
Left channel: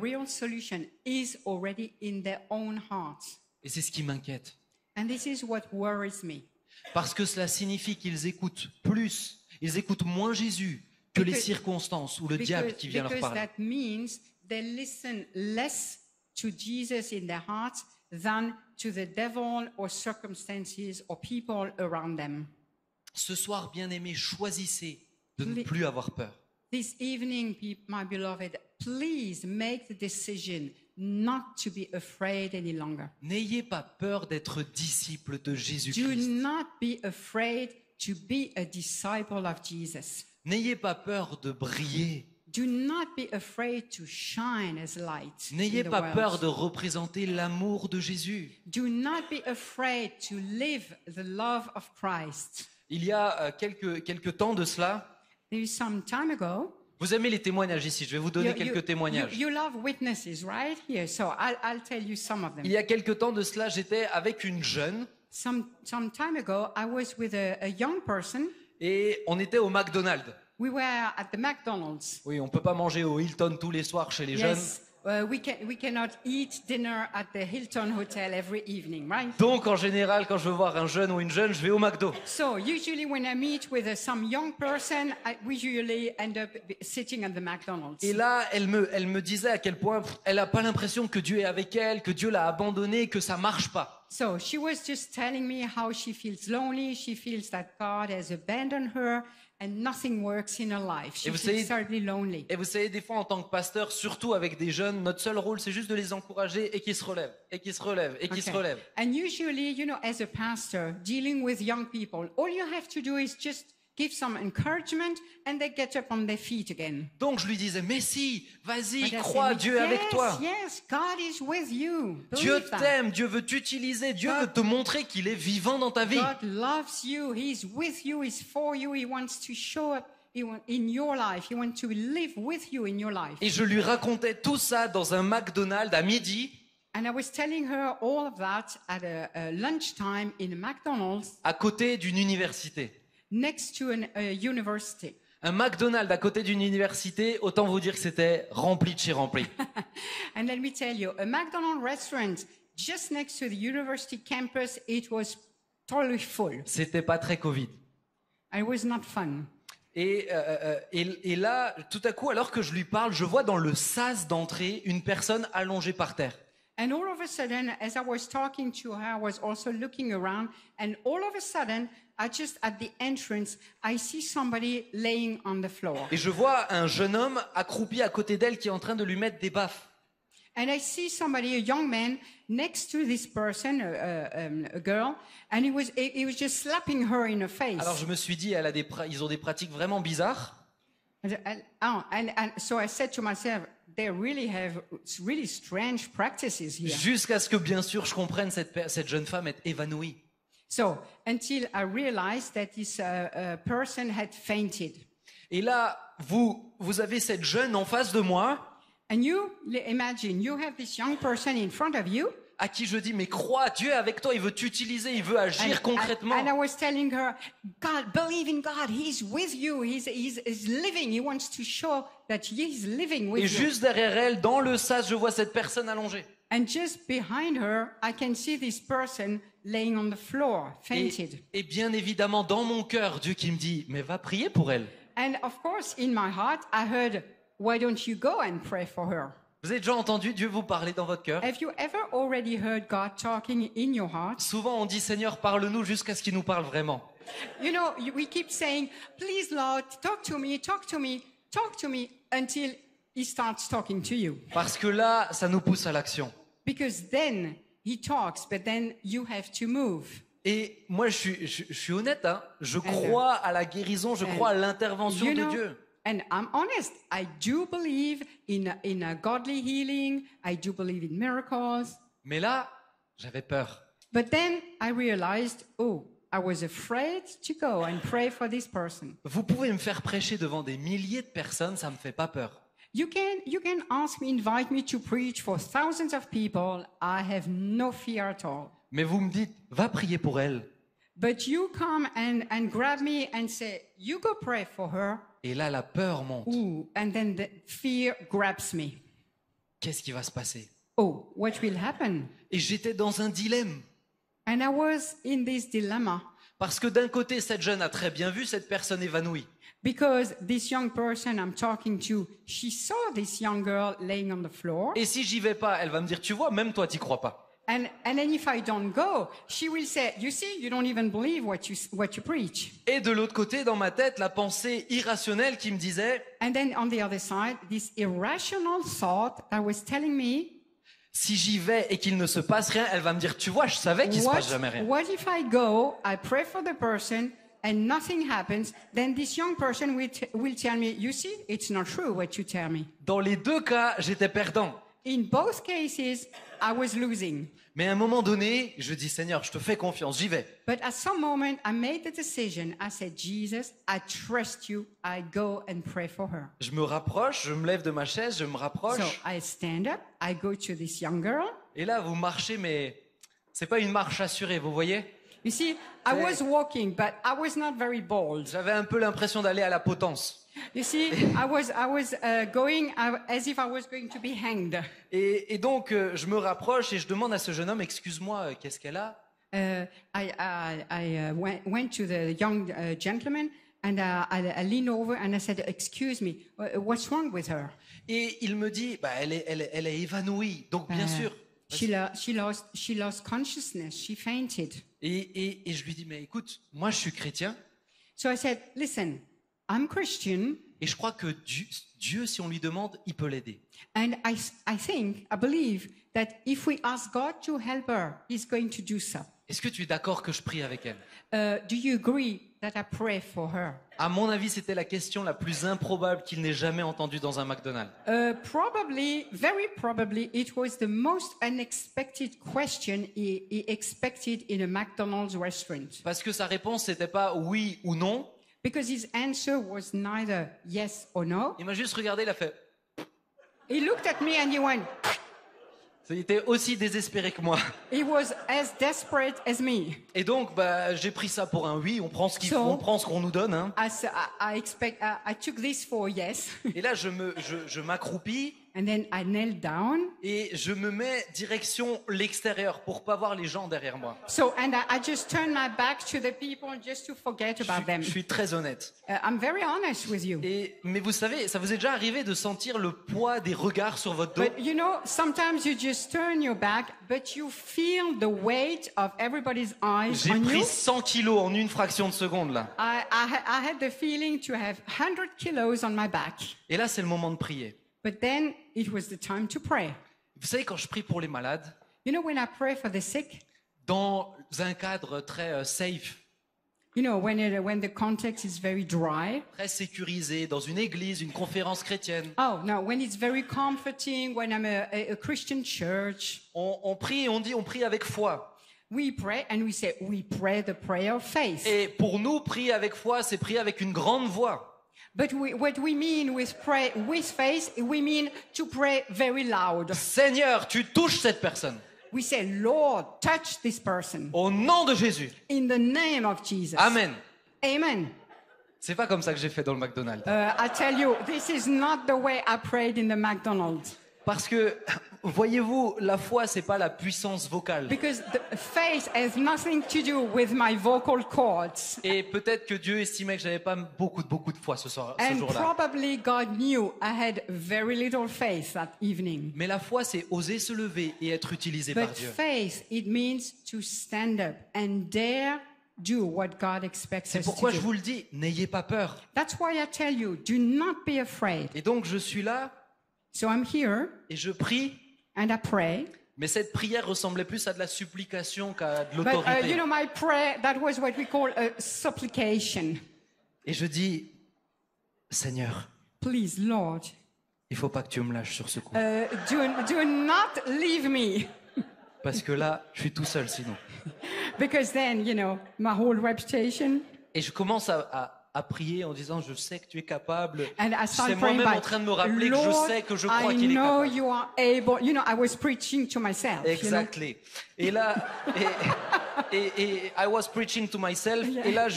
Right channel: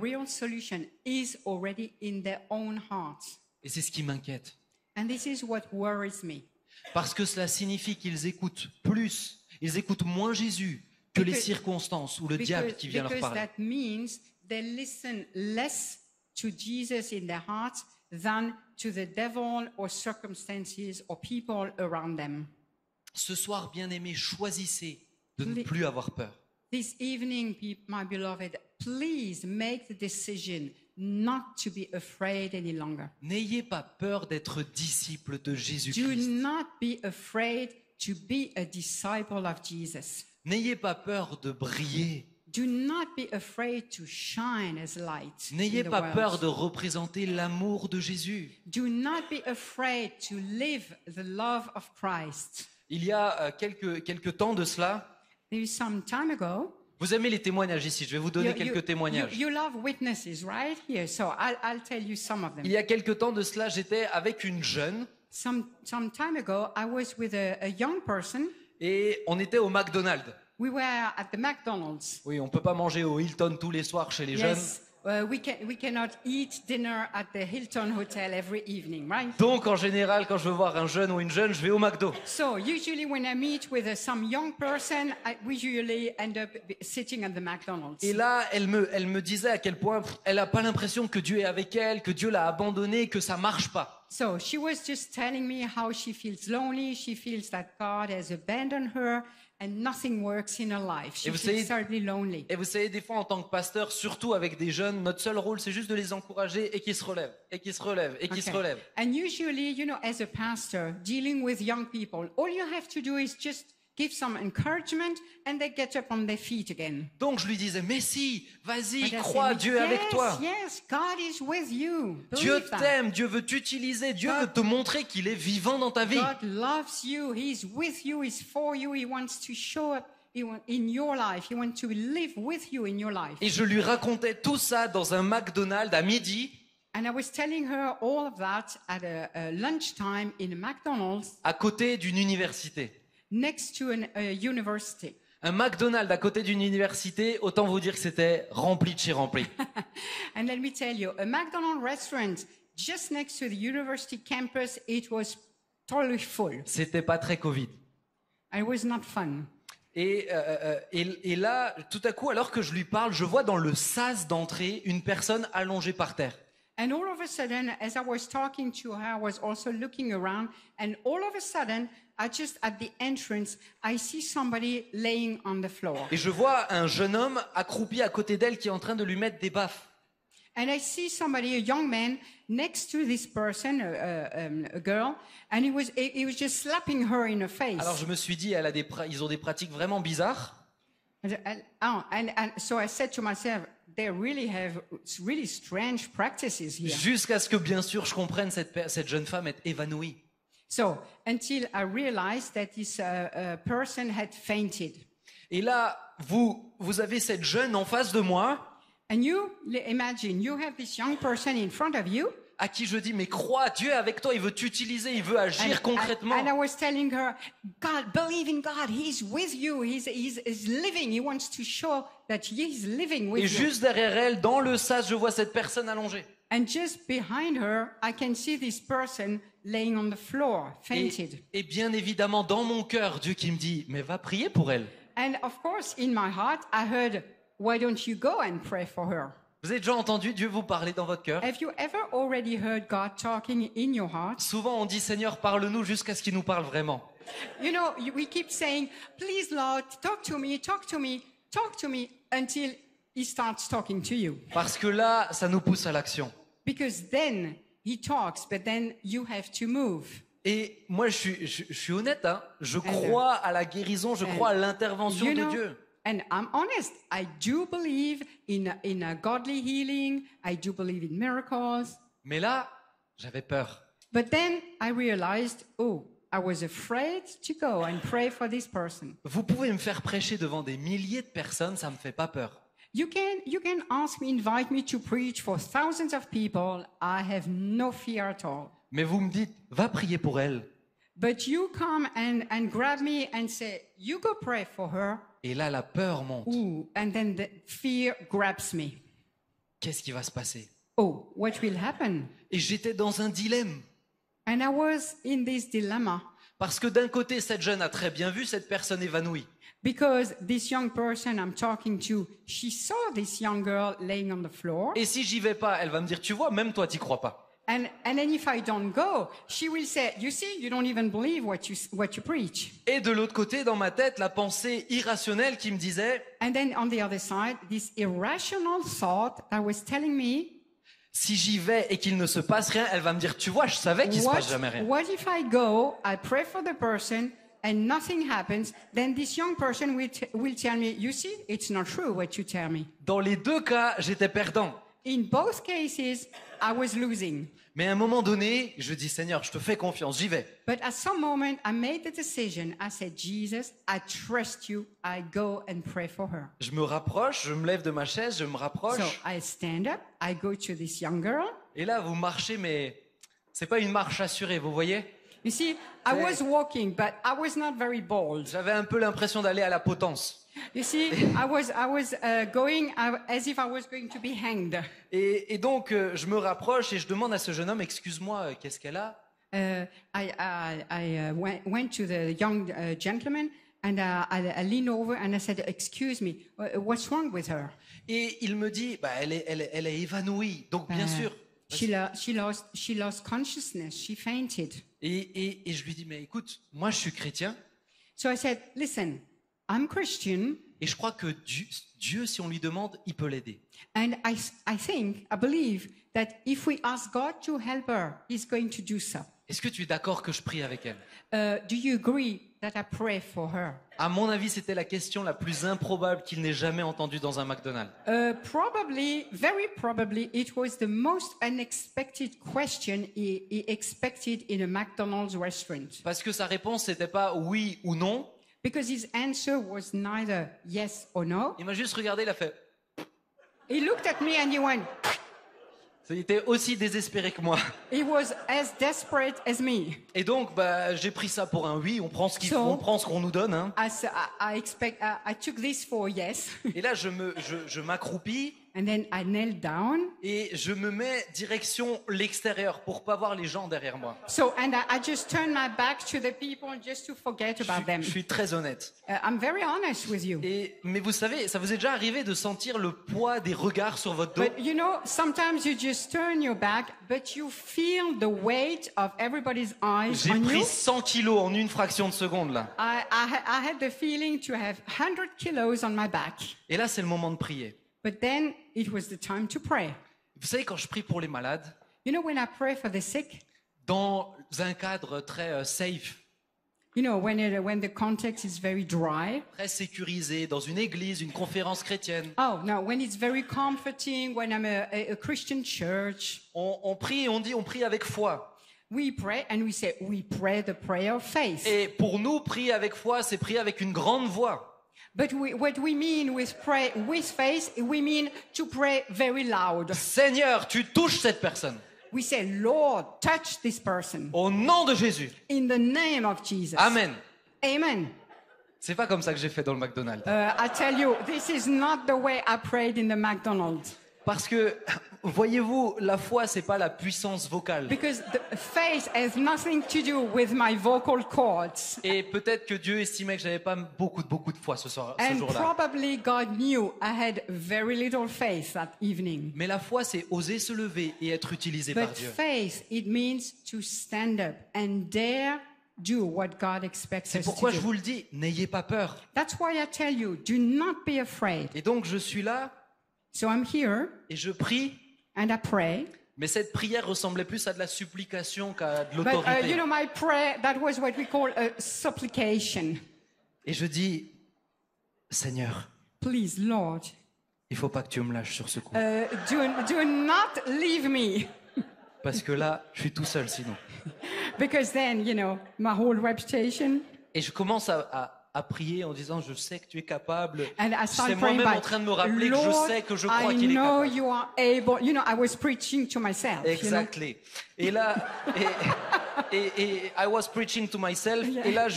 real solution is already in their own hearts. Et c'est ce qui m'inquiète. And this is what worries me. Parce que cela signifie qu'ils écoutent plus, ils écoutent moins Jésus que les Because- circonstances ou le diable qui vient leur Because parler. that means they listen less to Jesus in their hearts than to the devil or circumstances or people around them. Ce soir, bien-aimés, choisissez de ne Les- plus avoir peur. This evening, my beloved, please make the decision not to be afraid any longer. N'ayez pas peur d'être disciple de Do Jésus-Christ. not be afraid to be a disciple of Jesus. N'ayez pas peur de briller. Do not be afraid to shine as light. N'ayez in the pas world. peur de représenter l'amour de Jésus. Do not be afraid to live the love of Christ. Il y a quelques temps de cela, There is some time ago, vous aimez les témoignages ici, je vais vous donner quelques témoignages. you love witnesses, right? Here, so I'll tell you some of them. Il y a quelques temps de cela, j'étais avec une jeune Some time ago, I was with a young person. et on était au McDonald's. We were at the McDonald's. Oui, on peut pas manger au Hilton tous les soirs chez les jeunes. Yes, we cannot eat dinner at the Hilton Hotel every evening, right? Donc en général, quand je veux voir un jeune ou une jeune, je vais au McDo. So usually when I meet with some young person, we usually end up sitting at the McDonald's. Et là, elle me disait à quel point elle a pas l'impression que Dieu est avec elle, que Dieu l'a abandonnée, que ça marche pas. So she was just telling me how she feels lonely. She feels that God has abandoned her and nothing works in her life. She Et vous feels savez- certainly lonely. Et vous savez, des fois en tant que pasteur, surtout avec des jeunes, notre seul rôle, c'est juste de les encourager et qu'ils se relèvent, et qu'ils se relèvent, et qu'ils se Okay. relèvent. And usually, you know, as a pastor dealing with young people, all you have to do is just give some encouragement and they get up on their feet again. Donc je lui disais, mais si, vas-y, But I crois, said, Dieu est avec yes, toi. yes, God is with you. Dieu Believe that. t'aime, Dieu veut t'utiliser, Dieu veut te montrer qu'il est vivant dans ta vie. God loves you. He's with you. He's for you. He wants to show up in your life. He wants to live with you in your life. Et je lui racontais tout ça dans un McDonald's à midi, And I was telling her all of that at a lunchtime in a McDonald's à côté d'une université. next to a university. Un McDonald's à côté d'une université, autant vous dire que c'était rempli de chez rempli. And let me tell you, a McDonald's restaurant just next to the university campus, it was totally full. C'était pas très Covid. It was not fun. Et là, tout à coup, alors que je lui parle, je vois dans le sas d'entrée une personne allongée par terre. And all of a sudden, as I was talking to her, I was also looking around, and all of a sudden, just at the entrance, I see somebody laying on the floor. Et je vois un jeune homme accroupi à côté d'elle qui est en train de lui mettre des baffes. And I see somebody, a young man, next to this person, a girl, and he was just slapping her in the face. Alors je me suis dit, ils ont des pratiques vraiment bizarres. And so I said to myself, they really have really strange practices here. Jusqu'à ce que, bien sûr, je comprenne cette jeune femme est évanouie. So until I realized that this person had fainted. Et là, vous avez cette jeune en face de moi, And you imagine, you have this young person in front of you. à qui je dis, mais crois, Dieu est avec toi, il veut t'utiliser, il veut agir concrètement. And I was telling her, God, believe in God. He's with you. He's living. He wants to show that he's living with Et you. juste derrière elle, dans le sas, je vois cette personne allongée. And just behind her, I can see this person laying on the floor, fainted. Et bien évidemment, dans mon cœur, Dieu qui me dit, mais va prier pour elle. And of course, in my heart, I heard, why don't you go and pray for her? Vous avez déjà entendu Dieu vous parler dans votre cœur? Have you ever already heard God talking in your heart? Souvent, on dit, Seigneur, parle-nous jusqu'à ce qu'il nous parle vraiment. You know, we keep saying, please, Lord, talk to me, talk to me, talk to me, until he starts talking to you. Parce que là, ça nous pousse à l'action. Because then he talks, but then you have to move. Et moi, je suis honnête, hein, je crois à la guérison, je crois à l'intervention You de know, Dieu. and I'm honest, I do believe in a godly healing. I do believe in miracles. Mais là, j'avais peur. But then I realized, oh, I was afraid to go and pray for this person. Vous pouvez me faire prêcher devant des milliers de personnes, ça me fait pas peur. You can ask me, invite me to preach for thousands of people. I have no fear at all. Mais vous me dites, va prier pour elle. But you come and grab me and say, you go pray for her. Et là, la peur monte. Ooh, and then the fear grabs me. Qu'est-ce qui va se passer? Oh, what will happen? Et j'étais dans un dilemme. And I was in this dilemma Parce que d'un côté, cette jeune a très bien vu cette personne évanouie. because this young person I'm talking to, she saw this young girl laying on the floor. Et si j'y vais pas, elle va me dire, tu vois, même toi, t'y crois pas. And then if I don't go, she will say, you see, you don't even believe what you preach. Et de l'autre côté, dans ma tête, la pensée irrationnelle qui me disait, And then on the other side, this irrational thought that was telling me, si j'y vais et qu'il ne se passe rien, elle va me dire, tu vois, je savais qu'il se passe jamais rien. what if I go, I pray for the person, and nothing happens, then this young person will tell me, you see, it's not true what you tell me. Dans les deux cas, j'étais perdant. In both cases, I was losing. Mais à un moment donné, je dis, Seigneur, je te fais confiance, j'y vais. But at some moment, I made the decision. I said, Jesus, I trust you. I go and pray for her. Je me rapproche, je me lève de ma chaise, je me So rapproche. I stand up. I go to this young girl. Et là, vous marchez, mais c'est pas une marche assurée, vous voyez? You see, I was walking, but I was not very bold. J'avais un peu l'impression d'aller à la potence. You see, I was going as if I was going to be hanged. Et donc, je me rapproche et je demande à ce jeune homme, excuse-moi, qu'est-ce qu'elle a? I went to the young gentleman and I leaned over and I said, "Excuse me, what's wrong with her?" Et il me dit, bah, elle est évanouie, donc bien sûr. She lost consciousness. She fainted. Et je lui dis, mais écoute, moi je suis chrétien So I said, "Listen, I'm Christian, et je crois que Dieu, si on lui demande, il peut l'aider. and I believe that if we ask God to help her, He's going to do so. Est-ce que tu es d'accord que je prie avec elle? Do you agree that I pray for her?" À mon avis, c'était la question la plus improbable qu'il n'ait jamais entendue dans un McDonald's. Very probably, it was the most unexpected question he expected in a McDonald's restaurant. Parce que sa réponse, c'était pas oui ou non. Because his answer was neither yes or no. Il m'a juste regardé, il a fait. He looked at me and he went, Il était aussi désespéré que moi. he was as desperate as me. Et donc, bah, j'ai pris ça pour un oui, on prend ce So- qu'on nous donne. Hein. I took this for yes. Et là, je m'accroupis And then I knelt down. et je me mets direction l'extérieur pour pas voir les gens derrière moi. And I just turned my back to the people just to forget about them. Je suis très honnête. I'm very honest with you. Mais vous savez, ça vous est déjà arrivé de sentir le poids des regards sur votre dos? But you know, sometimes you just turn your back, but you feel the weight of everybody's eyes J'ai on pris you. 100 kilos en une fraction de seconde là. I had the feeling to have 100 kilos on my back. Et là, c'est le moment de prier. But then it was the time to pray. Vous savez, quand je prie pour les malades, You know, when I pray for the sick, dans un cadre très safe, you know, when the context is very dry. très sécurisé, dans une église, une conférence chrétienne, Oh, no, when it's very comforting, when I'm a Christian church, on prie et on prie avec foi. we pray and we say, we pray the prayer of faith. Et pour nous, prier avec foi, c'est prier avec une grande voix. But what we mean with pray with faith, we mean to pray very loud. Seigneur, tu touches cette personne. We say, Lord, touch this person Au nom de Jésus. in the name of Jesus. Amen. Amen. C'est pas comme ça que j'ai fait dans le McDonald's. I tell you, this is not the way I prayed in the McDonald's. Parce que, voyez-vous, la foi, c'est pas la puissance vocale. Because the faith has nothing to do with my vocal cords. Et peut-être que Dieu estimait que j'avais pas beaucoup de foi ce And jour-là. probably God knew I had very little faith that evening. Mais la foi, c'est oser se lever et être utilisé par But Dieu. faith, it means to stand up and dare do what God expects C'est us to pourquoi je do. vous le dis, n'ayez pas peur. That's why I tell you, do not be afraid. Et donc, je suis là So I'm here et je prie and I pray. Mais cette prière ressemblait plus à de la supplication qu'à de But l'autorité. my prayer, that was what we call a supplication. Et je dis, Seigneur, Please, Lord, il faut pas que tu me lâches sur ce coup. do not leave me. Parce que là, je suis tout seul sinon. Because then, my whole reputation. Et je commence à prier en disant, je sais que tu es capable. And I C'est started praying moi-même by, en train de me rappeler que je Lord, sais que je crois I qu'il est know capable. you are able. I was preaching to myself. Exactly. Et là, et I was preaching to myself. Et là,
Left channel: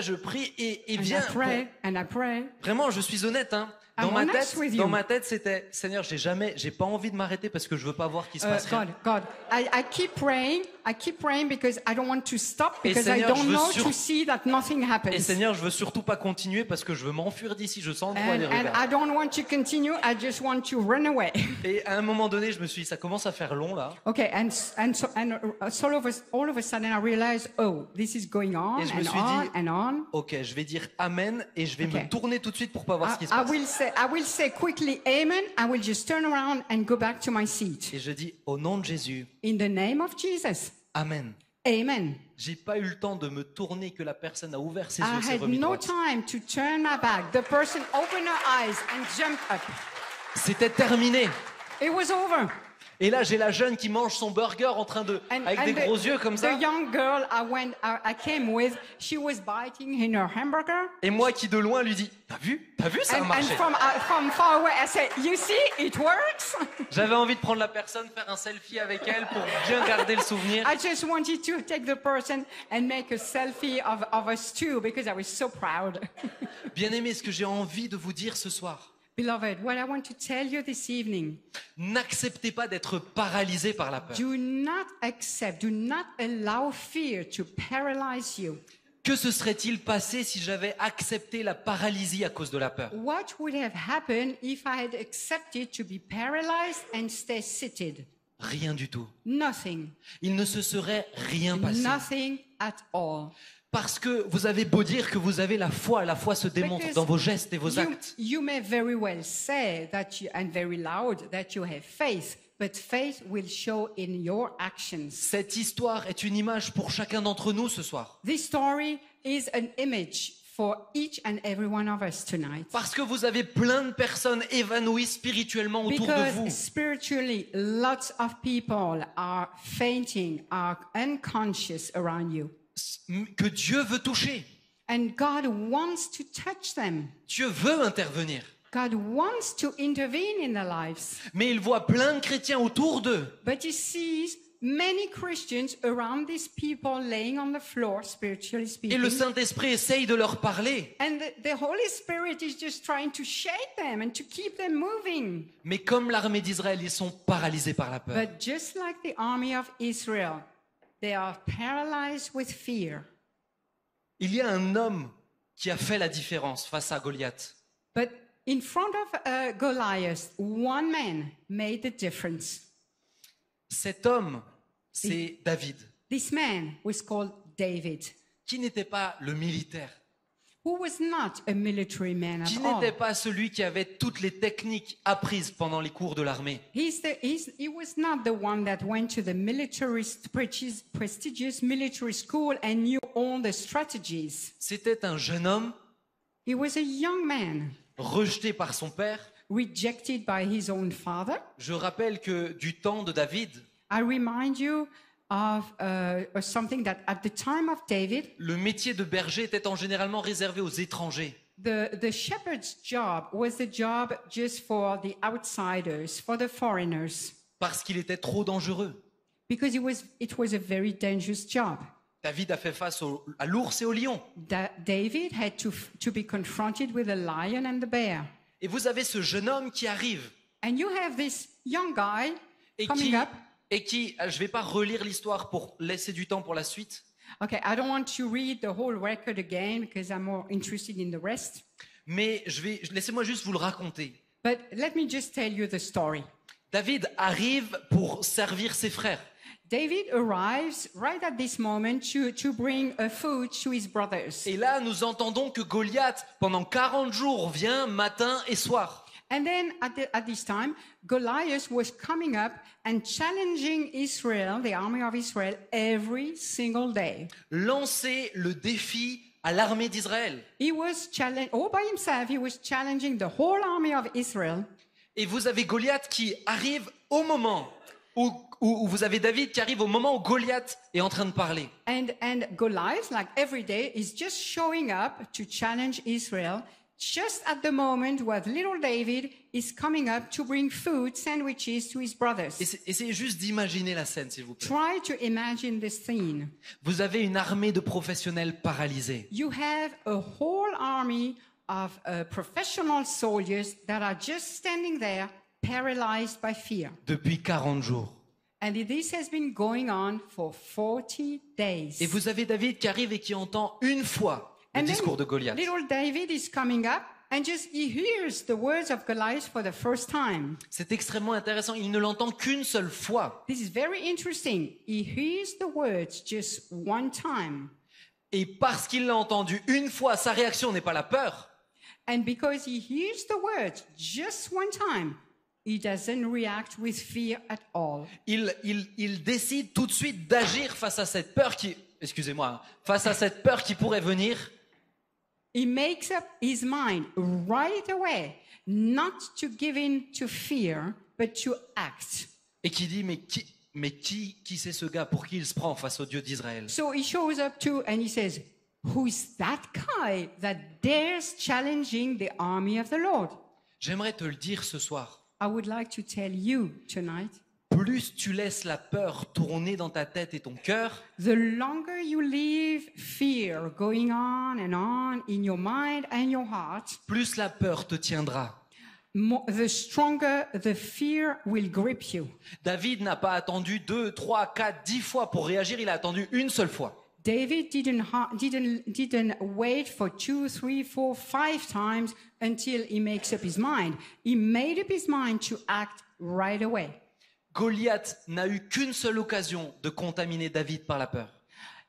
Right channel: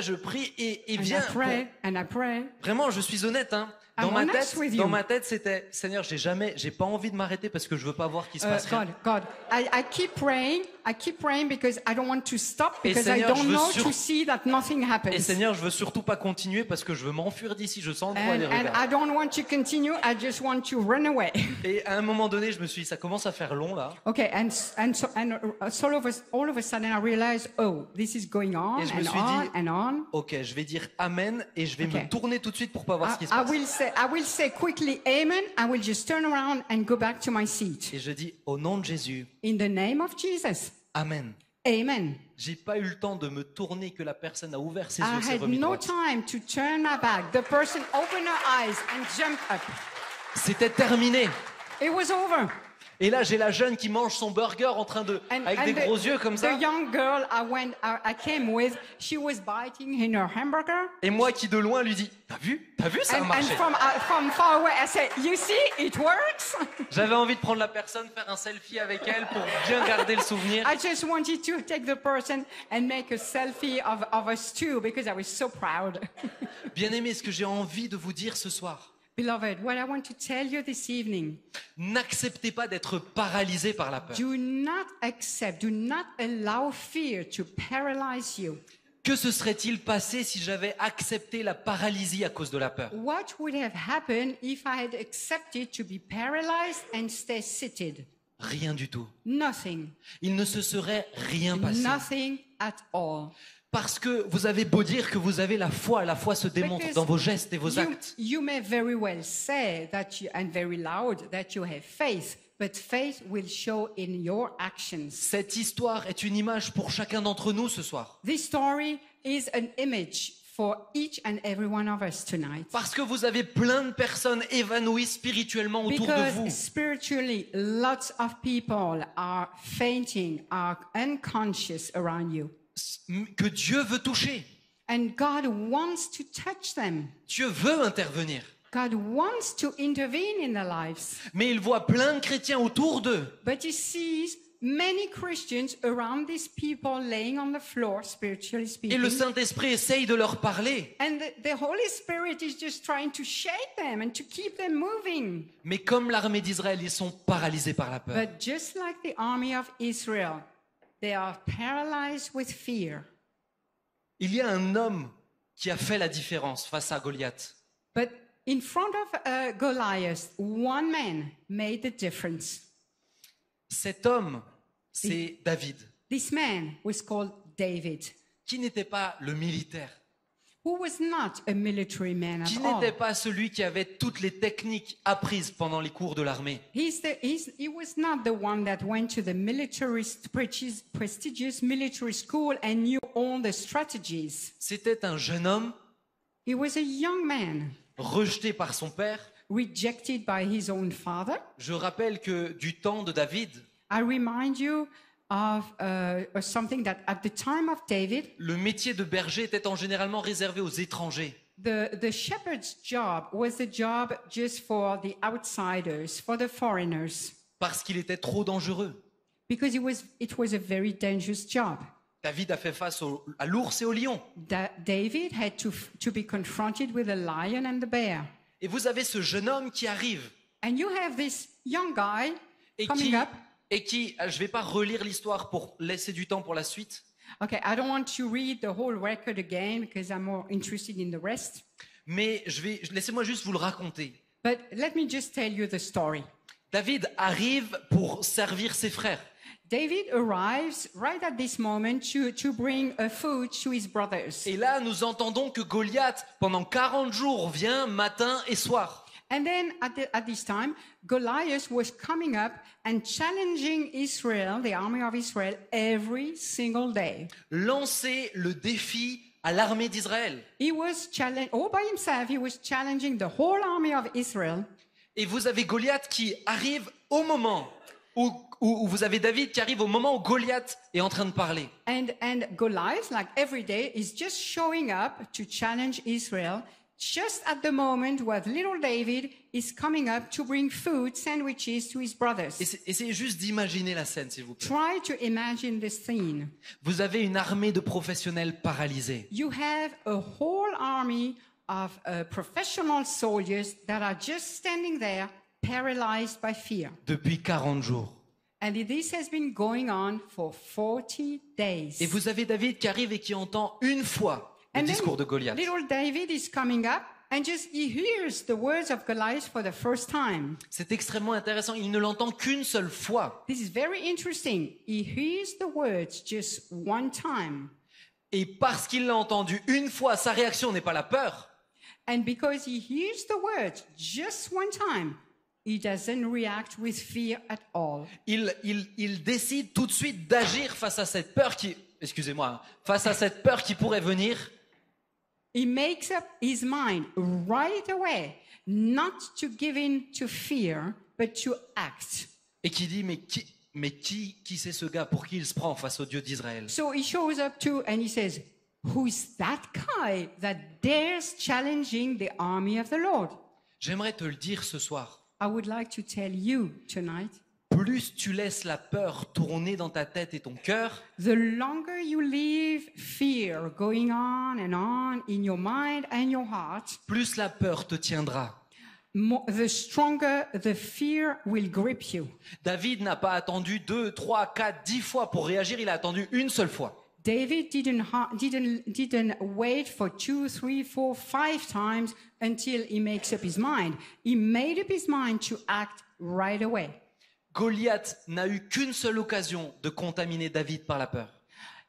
je prie et And viens. I pray. Vraiment, je suis honnête, hein. I'm honest with you. Dans ma tête, c'était, Seigneur, j'ai pas envie de m'arrêter parce que je veux pas voir qu'il se passe rien. God, I keep praying because I don't want to stop, because Seigneur, I don't je veux know to see that nothing Et happens. Seigneur, je veux surtout pas continuer parce que je veux m'enfuir d'ici. Je sens le froid des And regards. I don't want to continue. I just want to run away. Et à un moment donné, je me suis dit, ça commence à faire long là. Okay, so all of a sudden I realized, oh, this is going on Et je me suis on dit, and on. Ok, je vais dire Amen et je vais Okay. me tourner tout de suite pour pas voir ce qui se passe. I will say quickly amen. I will just turn around and go back to my seat. Et je dis au nom de Jésus, In the name of Jesus. Amen. Amen. J'ai pas eu le temps de me tourner que la personne a ouvert ses I yeux, s'est had remis no droite. time to turn my back. The person opened her eyes and jumped up. C'était terminé. It was over. Et là, j'ai la jeune qui mange son burger en train de, avec des gros yeux comme ça. The young girl I came with, she was biting in her hamburger. Et moi qui de loin lui dis, t'as vu, ça a And marché. from far away, I said, you see, it works. J'avais envie de prendre la personne, faire un selfie avec elle pour bien garder le souvenir. I just wanted to take the person and make a selfie of us two because I was so proud. Bien aimé, ce que j'ai envie de vous dire ce soir, Beloved, what I want to tell you this evening, n'acceptez pas d'être paralysé par la peur. do not allow fear to paralyze you. Que se serait-il passé si j'avais accepté la paralysie à cause de la peur? What would have happened if I had accepted to be paralyzed and stay seated? Rien du tout. Nothing. Il ne se serait rien passé. Nothing at all. Parce que vous avez beau dire que vous avez la foi se démontre Because dans vos gestes et vos you, actes. you may very well say that and very loud that you have faith, but faith will show in your actions. Cette histoire est une image pour chacun d'entre nous ce soir. This story is an image for each and every one of us tonight. Parce que vous avez plein de personnes évanouies spirituellement autour de Because vous. spiritually, lots of people are fainting, are unconscious around you. Que Dieu veut toucher. And God wants to touch them. Dieu veut intervenir. God wants to intervene in their lives. Mais il voit plein de chrétiens autour d'eux. But he sees many Christians around these people laying on the floor, spiritually Et speaking. le Saint-Esprit essaye de leur parler. And the Holy Spirit is just trying to shake them and to keep them moving. Mais comme l'armée d'Israël, ils sont paralysés par la peur. But just like the army of Israel, they are paralyzed with fear. Il y a un homme qui a fait la différence face à Goliath. But in front of Goliath, one man made the difference. Cet homme, c'est David, This man was called David, qui n'était pas le militaire, who was not a military man qui at all. n'était pas celui qui avait toutes les techniques apprises pendant les cours de l'armée. He was not the one that went to the prestigious military school and knew all the strategies. C'était un jeune homme He was a young man, rejeté par son père. rejected by his own father. Je rappelle que du temps de David, I remind you of something that at the time of David, le métier de berger était généralement réservé aux étrangers. the shepherd's job was the job just for the outsiders, for the foreigners, Parce qu'il était trop dangereux. because it was a very dangerous job. David a fait face à l'ours et au lion. David had to be confronted with the lion and the bear. Et vous avez ce jeune homme qui arrive And you have this young guy et coming up. je ne vais pas relire l'histoire pour laisser du temps pour la suite, Okay, I don't want to read the whole record again because I'm more interested in the rest. mais laissez-moi juste vous le raconter. But let me just tell you the story. David arrive pour servir ses frères. David arrives right at this moment to bring food to his brothers. Et là, nous entendons que Goliath, pendant 40 jours, vient matin et soir. And then at this time, Goliath was coming up and challenging Israel, the army of Israel, every single day. Lancer le défi à l'armée d'Israël. He was all by himself, he was challenging the whole army of Israel. Et vous avez Goliath qui arrive au moment où vous avez David qui arrive au moment où Goliath est en train de parler. And Goliath, like every day, is just showing up to challenge Israel. Just at the moment where little David is coming up to bring food, sandwiches to his brothers. Essayez juste d'imaginer la scène, s'il vous plaît. Try to imagine this scene. Vous avez une armée de professionnels paralysés. You have a whole army of professional soldiers that are just standing there, paralyzed by fear. Depuis 40 jours. And this has been going on for 40 days. Et vous avez David qui arrive et qui entend une fois le discours de Goliath. Little David is coming up and just he hears the words of Goliath for the first time. C'est extrêmement intéressant. Il ne l'entend qu'une seule fois. This is very interesting. He hears the words just one time. Et parce qu'il l'a entendu une fois, sa réaction n'est pas la peur. And because he hears the words just one time, he doesn't react with fear at all. Il décide tout de suite d'agir face à cette peur face à cette peur qui pourrait venir. He makes up his mind right away not to give in to fear, but to act. Et qui dit, mais qui c'est ce gars pour qui il se prend face au Dieu d'Israël? So he shows up too and he says, who's that guy that dares challenging the army of the Lord? J'aimerais te le dire ce soir. I would like to tell you tonight, plus tu laisses la peur tourner dans ta tête et ton cœur, the longer you leave fear going on in your mind and your heart, plus la peur te tiendra. The stronger the fear will grip you. David n'a pas attendu 2, 3, 4, 10 fois pour réagir, il a attendu une seule fois. David didn't wait for 2, 3, 4, 5 times until he makes up his mind. He made up his mind to act right away. Goliath n'a eu qu'une seule occasion de contaminer David par la peur.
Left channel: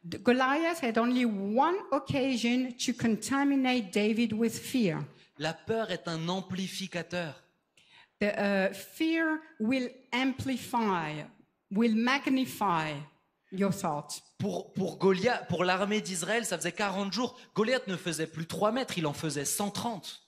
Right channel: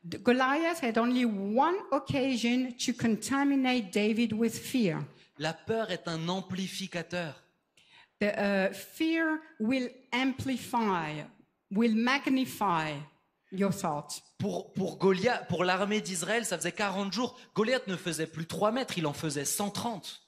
Goliath had only one occasion to contaminate David with fear. La peur est un amplificateur. The fear will amplify, will magnify your thoughts. Pour Goliath, pour l'armée d'Israël, ça faisait 40 jours. Goliath ne faisait plus 3 mètres, il en faisait 130.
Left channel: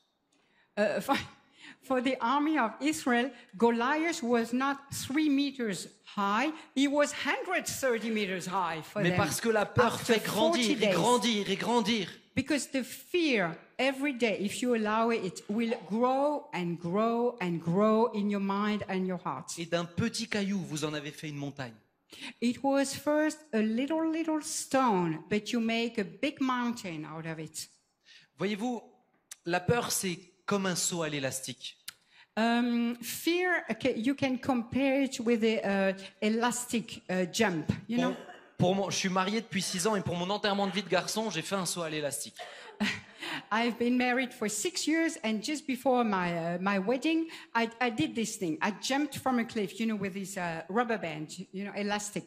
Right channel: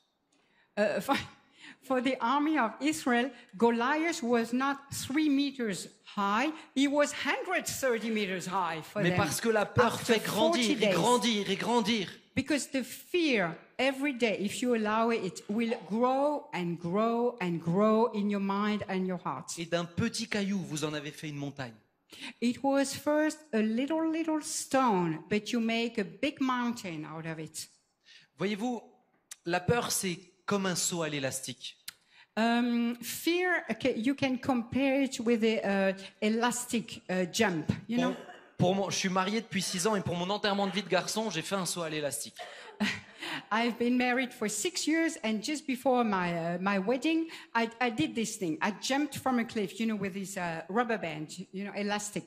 For the army of Israel, Goliath was not 3 meters high, he was 130 meters high for Mais them. parce que la peur fait grandir et grandir et grandir. Because the fear, every day, if you allow it, will grow and grow and grow in your mind and your heart. Et d'un petit caillou, vous en avez fait une montagne. It was first a little stone, but you make a big mountain out of it. Voyez-vous, la peur, c'est comme un saut à l'élastique. Fear, okay, you can compare it with the elastic jump, you know? Je suis marié depuis 6 ans et pour mon enterrement de vie de garçon, j'ai fait un saut à l'élastique. I've been married for 6 years, and just before my wedding, I did this thing. I jumped from a cliff, you know, with this rubber band, you know, elastic.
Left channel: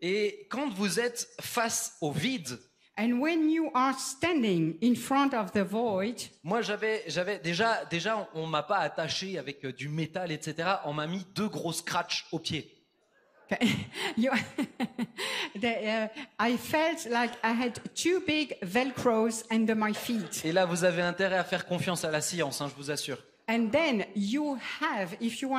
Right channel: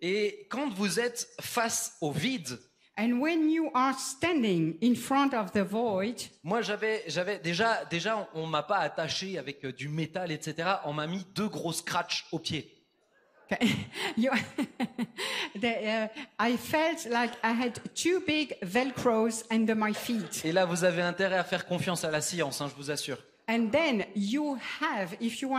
Et quand vous êtes face au vide, and when you are standing in front of the void, moi j'avais déjà on m'a pas attaché avec du métal, etc. On m'a mis 2 gros scratchs aux pieds. I felt like I had 2 big velcros under my feet. Et là, vous avez intérêt à faire confiance à la science, hein, je vous assure. And then you have, if you're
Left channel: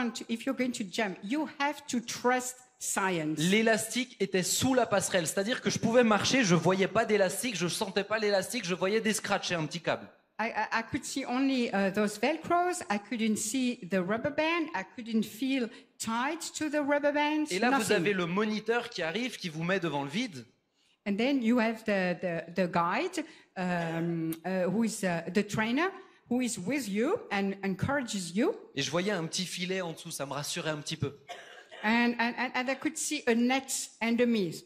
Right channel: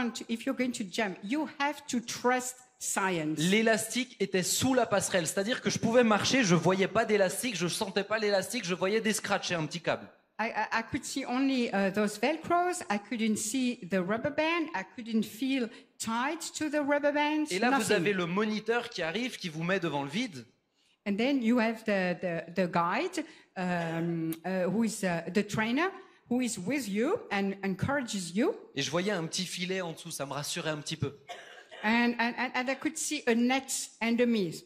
going to jump, you have to trust science. L'élastique était sous la passerelle, c'est-à-dire que je pouvais marcher, je voyais pas d'élastique, je sentais pas l'élastique, je voyais des scratchs et un petit câble. I could see only those velcros. I couldn't see the rubber band. I couldn't feel tied to the rubber band. Et là, nothing. vous avez le moniteur qui arrive, qui vous met devant le vide. And then you have the guide, who is the trainer, who is with you and encourages you. Et je voyais un petit filet en dessous, ça me rassurait un petit peu. And I could see a net underneath.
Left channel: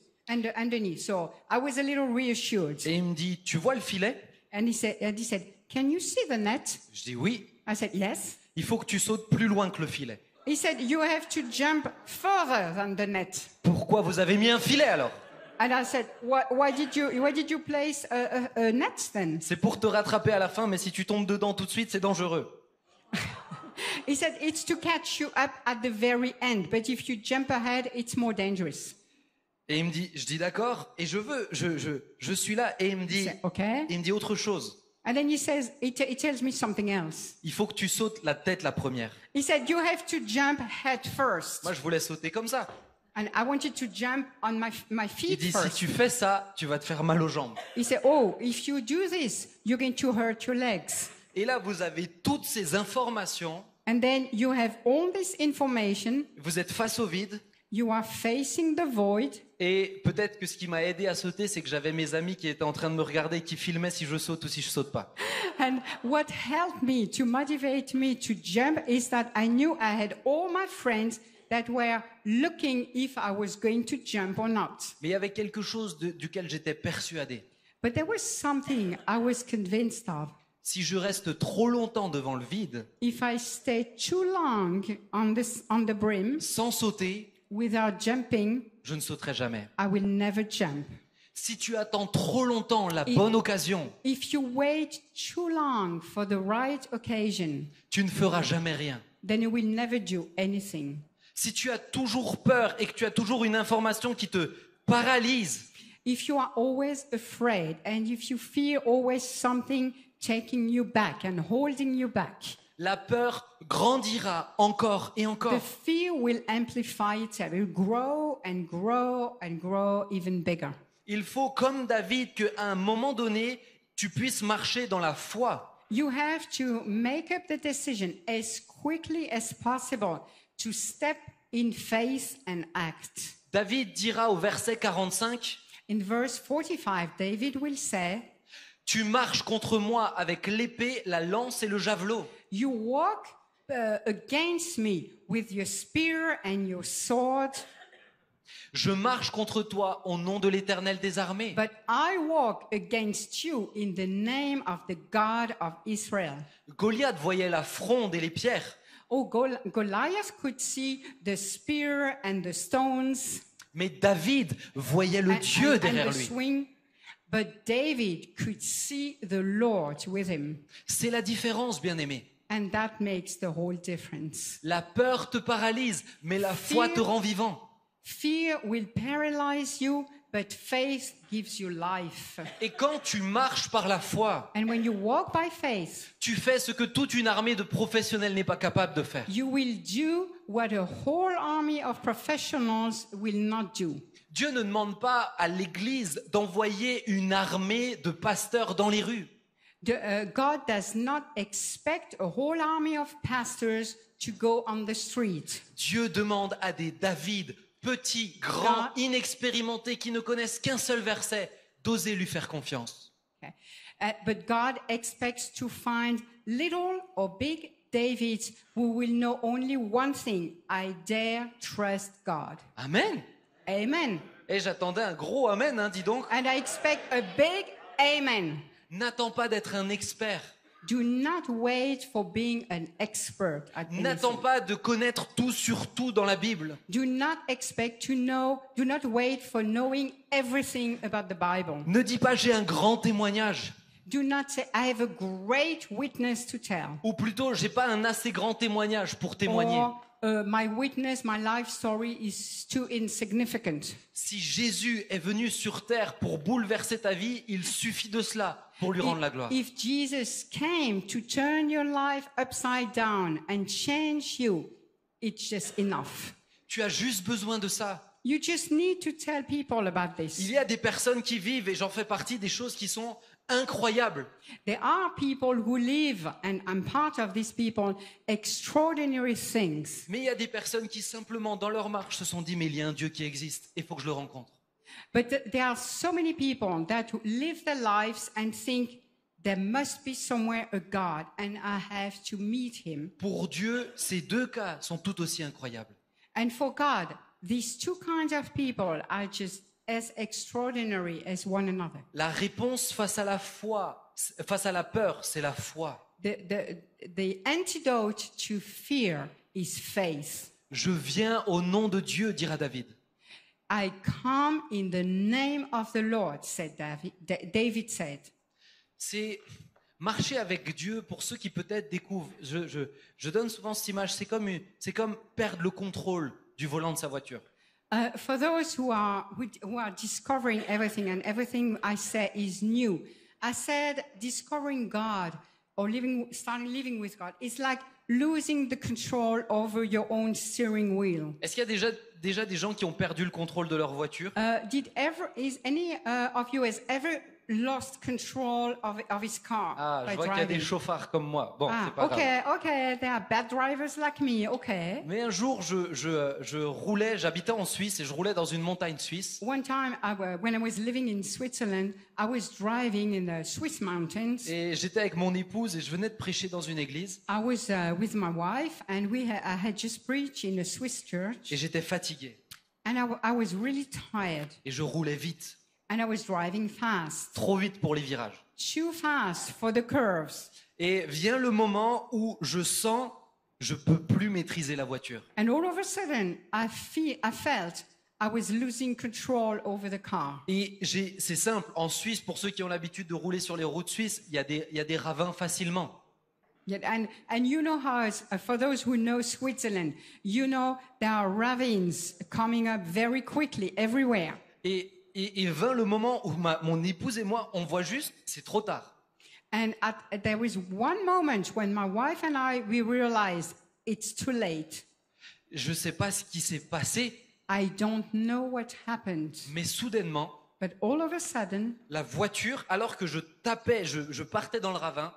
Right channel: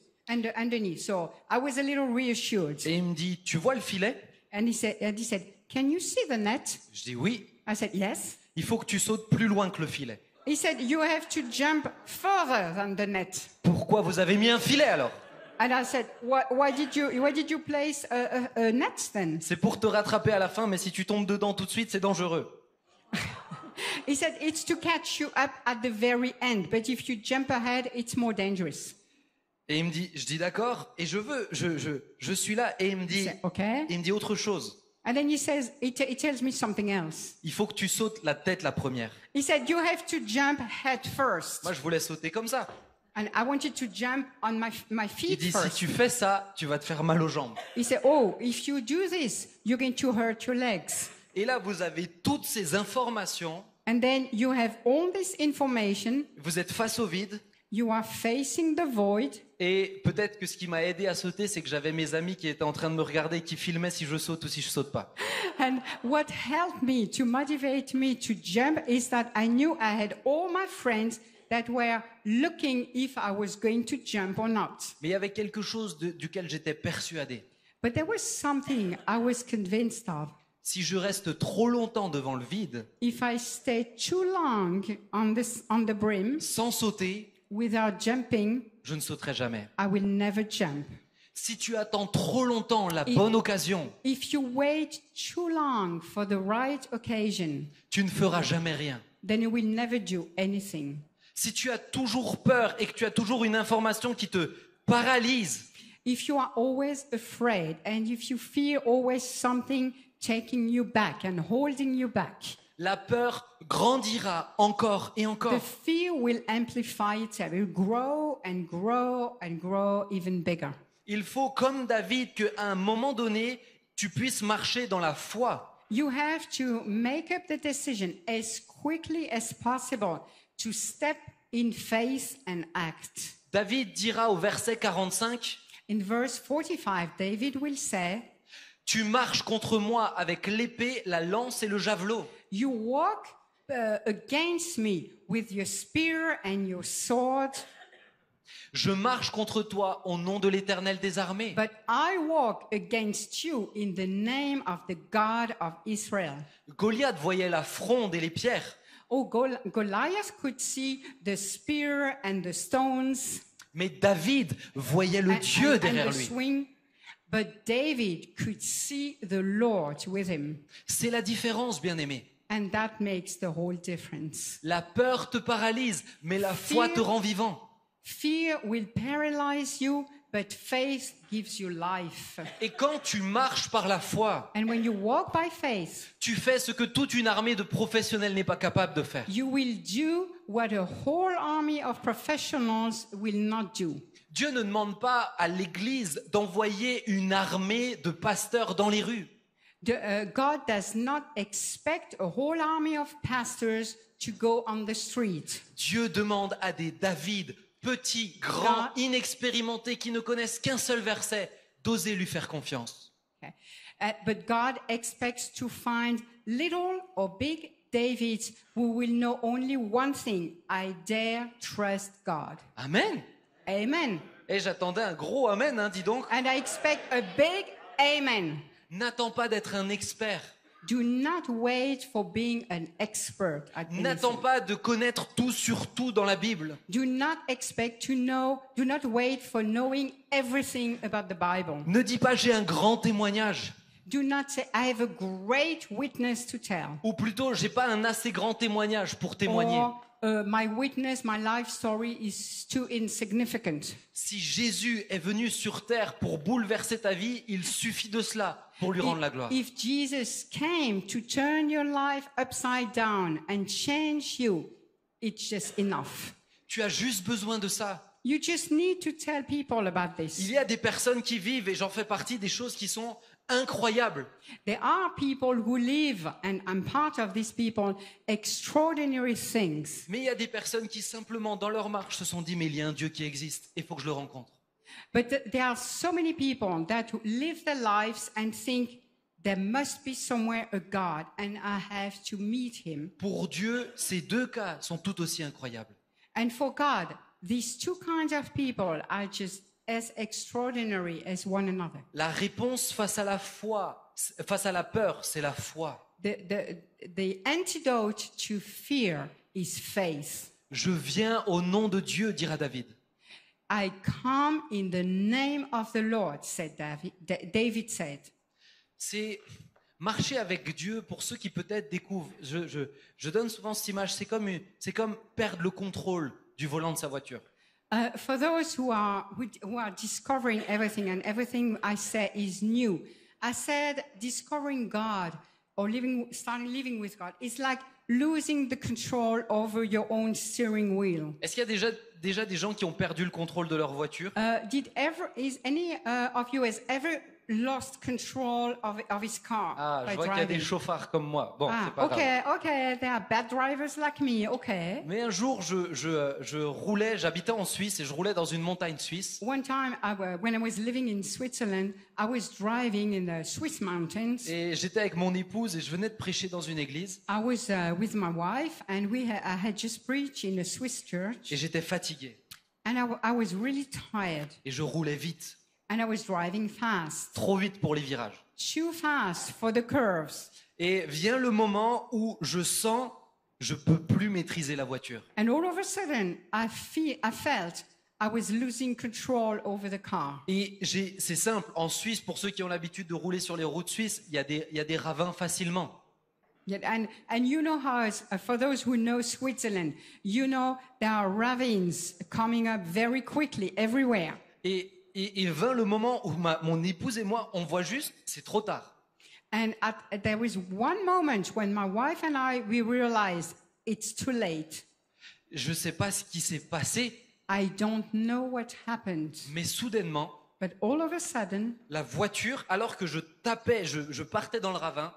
So I was a little reassured. Et il me dit, tu vois le filet? And he said, can you see the net? Je dis oui. I said, yes. Il faut que tu sautes plus loin que le filet. He said, you have to jump further than the net. Pourquoi vous avez mis un filet alors? And I said, why did you place a net then? C'est pour te rattraper à la fin, mais si tu tombes dedans tout de suite, c'est dangereux. He said it's to catch you up at the very end, but if you jump ahead, it's more dangerous. Et il me dit, je dis d'accord, et je suis là, et il me dit, Okay. il me dit autre chose. And then he tells me something else. Il faut que tu sautes la tête la première. He said, you have to jump head first. Moi, je voulais sauter comme ça. And I wanted to jump on my Il feet dit, si first. tu fais ça, tu vas te faire mal aux jambes. He said, oh, if you do this, you're going to hurt your legs. Et là, vous avez toutes ces informations, And then you have all this information. vous êtes face au vide, You are facing the void. et peut-être que ce qui m'a aidé à sauter, c'est que j'avais mes amis qui étaient en train de me regarder, qui filmaient si je saute ou si je saute pas. And what helped me to motivate me to jump is that I knew I had all my friends that were looking if I was going to jump or not. Mais il y avait quelque chose duquel j'étais persuadé. But there was something I was convinced of. Si je reste trop longtemps devant le vide, If I stay too long on the brim sans sauter, without jumping, je ne sauterai jamais. I will never jump. Si tu attends trop longtemps la bonne occasion, If you wait too long for the right occasion, tu ne feras jamais rien. then you will never do anything. Si tu as toujours peur et que tu as toujours une information qui te paralyse, If you are always afraid and if you fear always something taking you back and holding you back, la peur grandira encore et encore. the fear will amplify itself. It will grow and grow and grow even bigger. Il faut, comme David, qu'à un moment donné, tu puisses marcher dans la foi. You have to make up the decision as quickly as possible to step in faith and act. David dira au verset 45, In verse 45, David will say, « Tu marches contre moi avec l'épée, la lance et le javelot. you walk against me with your spear and your sword, Je marche contre toi au nom de l'Éternel des armées. but I walk against you in the name of the God of Israel. » Goliath voyait la fronde et les pierres, Oh, Goliath could see the spear and the stones mais David voyait le Dieu and derrière the lui. swing, but David could see the Lord with him. C'est la différence, bien-aimé. And that makes the whole difference. La peur te paralyse, mais la foi te rend vivant. Fear will paralyze you, but faith gives you life. Et quand tu marches par la foi, And when you walk by faith, tu fais ce que toute une armée de professionnels n'est pas capable de faire. you will do what a whole army of professionals will not do. Dieu ne demande pas à l'Église d'envoyer une armée de pasteurs dans les rues. God does not expect a whole army of pastors to go on the street. Dieu demande à des David, petits, grands, inexpérimentés, qui ne connaissent qu'un seul verset, d'oser lui faire confiance. Okay. But God expects to find little or big Davids who will know only one thing: I dare trust God. Amen. Amen. Et j'attendais un gros amen, dis donc. And I expect a big amen. N'attends pas d'être un expert. Do not wait for being an expert at N'attends anything. pas de connaître tout sur tout dans la Bible. Do not expect to know, do not wait for knowing everything about the Bible. Ne dis pas j'ai un grand témoignage. Do not say, I have a great witness to tell. Ou plutôt, j'ai pas un assez grand témoignage pour témoigner. Or, my witness, my life story is too insignificant. Si Jésus est venu sur terre pour bouleverser ta vie, il suffit de cela pour lui rendre la gloire. If Jesus came to turn your life upside down and change you, it's just enough. Tu as juste besoin de ça. You just need to tell people about Il this. y a des personnes qui vivent, et j'en fais partie, des choses qui sont incroyables. There are people who live, and I'm part of these people, extraordinary things. Mais il y a des personnes qui simplement, dans leur marche, se sont dit, mais il y a un Dieu qui existe, il faut que je le rencontre. But there are so many people that live their lives and think there must be somewhere a God and I have to meet him. Pour Dieu, ces deux cas sont tout aussi incroyables. And for God, these two kinds of people are just as extraordinary as one another. La réponse face à la foi, face à la peur, c'est la foi. The antidote to fear is faith. Je viens au nom de Dieu, dira David. I come in the name of the Lord, said David said. C'est Marcher avec Dieu, pour ceux qui peut-être découvrent, je donne souvent cette image, c'est comme perdre le contrôle du volant de sa voiture. For those who are discovering everything, and everything I say is new, I said discovering God or starting living with God is like losing the control over your own steering wheel. Est-ce qu'il y a déjà des gens qui ont perdu le contrôle de leur voiture? Is any of you has ever lost control of his car Ah, by je vois qu'il y a des driving? chauffards comme moi. Bon, c'est pas grave. Okay, there are bad drivers like me. Okay. Mais un jour, je roulais, j'habitais en Suisse et je roulais dans une montagne suisse. One time, when I was living in Switzerland, I was driving in the Swiss mountains. Et j'étais avec mon épouse et je venais de prêcher dans une église. I was with my wife, and I had just preached in a Swiss church, Et j'étais fatigué. and I was really tired, Et je roulais vite. and I was driving fast, Trop vite pour les virages. too fast for the curves. Et vient le moment où je peux plus maîtriser la voiture. And all of a sudden, I felt I was losing control over the car. Et c'est simple, en Suisse, pour ceux qui ont l'habitude de rouler sur les routes suisses, il y a des ravins facilement. Yeah, and you know how, for those who know Switzerland, you know there are ravines coming up very quickly everywhere. Et vint le moment où mon épouse et moi, on voit juste, c'est trop tard. And there was one moment when my wife and we realized it's too late. Je ne sais pas ce qui s'est passé, I don't know what happened, mais soudainement, but all of a sudden, la voiture, alors que je tapais, je partais dans le ravin,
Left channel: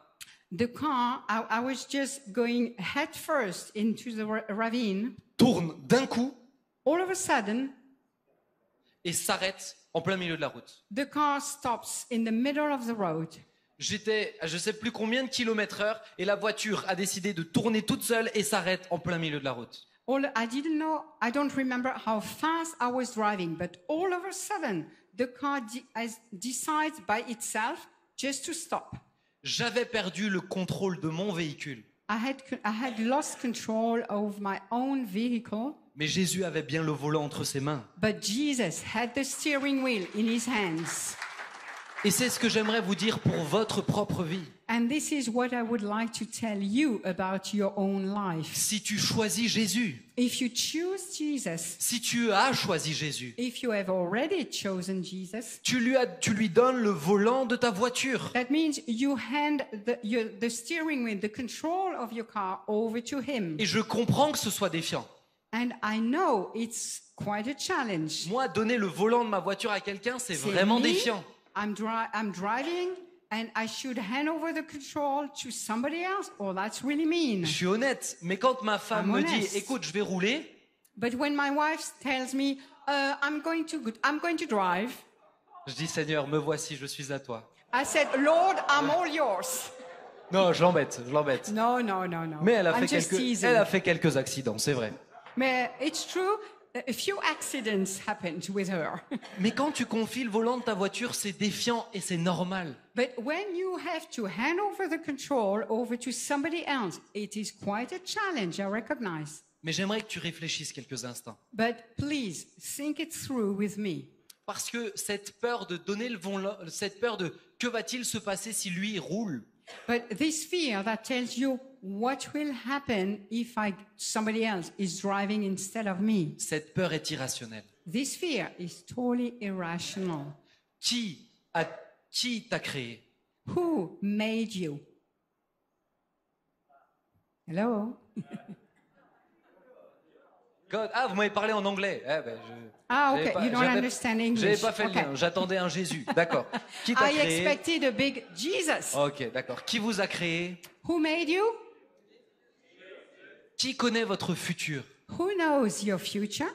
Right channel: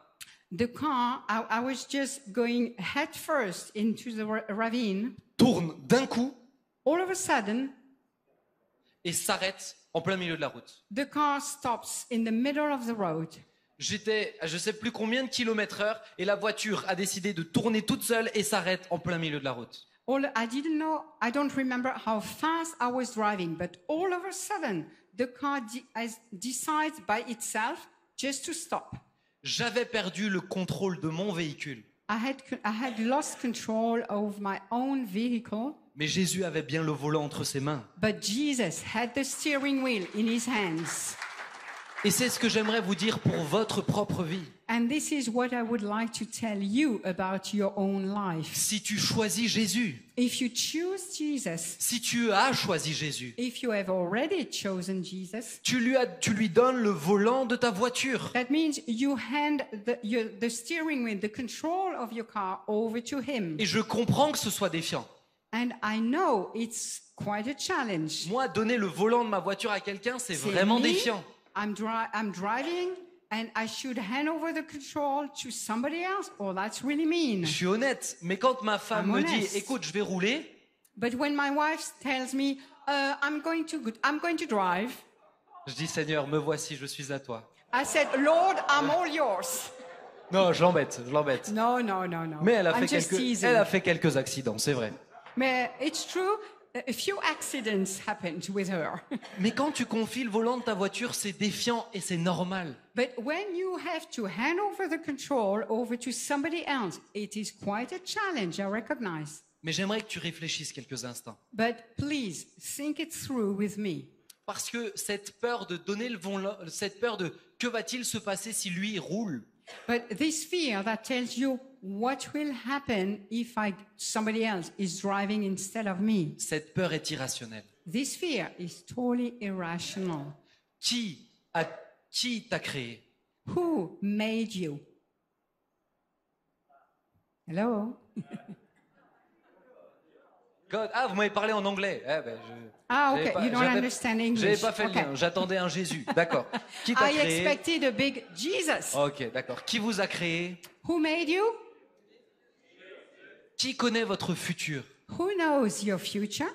the car, I was just going head first into the ravine. tourne d'un coup All of a sudden, et s'arrête en plein milieu de la route. the car stops in the middle of the road. J'étais à je sais plus combien de kilomètres heure et la voiture a décidé de tourner toute seule et s'arrête en plein milieu de la route. I don't remember how fast I was driving, but all of a sudden, the car decides by itself just to stop. J'avais perdu le contrôle de mon véhicule, I had lost control of my own vehicle, mais Jésus avait bien le volant entre ses mains. but Jesus had the steering wheel in his hands. Et c'est ce que j'aimerais vous dire pour votre propre vie. And this is what I would like to tell you about your own life. Si tu choisis Jésus, If you choose Jesus, si tu as choisi Jésus, if you have already chosen Jesus, tu lui donnes le volant de ta voiture. that means you hand the steering wheel, the control of your car over to him. Et je comprends que ce soit défiant. And I know it's quite a challenge. Moi, donner le volant de ma voiture à quelqu'un, c'est C'est vraiment me. défiant. I'm driving, and I should hand over the control to somebody else. Oh, that's really mean. Je suis honnête, mais quand ma femme I'm me dit honest. « Écoute, je vais rouler », But when my wife tells me, I'm going to drive, je dis « Seigneur, me voici, je suis à toi I said, Lord, I'm all yours. ». Non, je l'embête. No. Mais elle I'm just teasing. a fait quelques accidents, c'est vrai. But it's true. A few accidents happened with her. Mais quand tu confies le volant de ta voiture, c'est défiant et c'est normal. But when you have to hand over the control over to somebody else, it is quite a challenge, I recognize. Mais j'aimerais que tu réfléchisses quelques instants. But please, think it through with me. Parce que cette peur de donner le volant, cette peur de que va-t-il se passer si lui roule, But this fear that tells you what will happen if somebody else is driving instead of me. cette peur est irrationnelle. This fear is totally irrational. Qui t'a créé? Who made you? Hello? God. Ah, vous m'avez parlé en anglais. Okay. You don't understand English. J'avais pas fait le Okay. lien. J'attendais un Jésus. D'accord. Qui t'a I créé? expected a big Jesus. Ok, d'accord. Qui vous a créé? Who made you? Qui connaît votre futur? Who knows your future?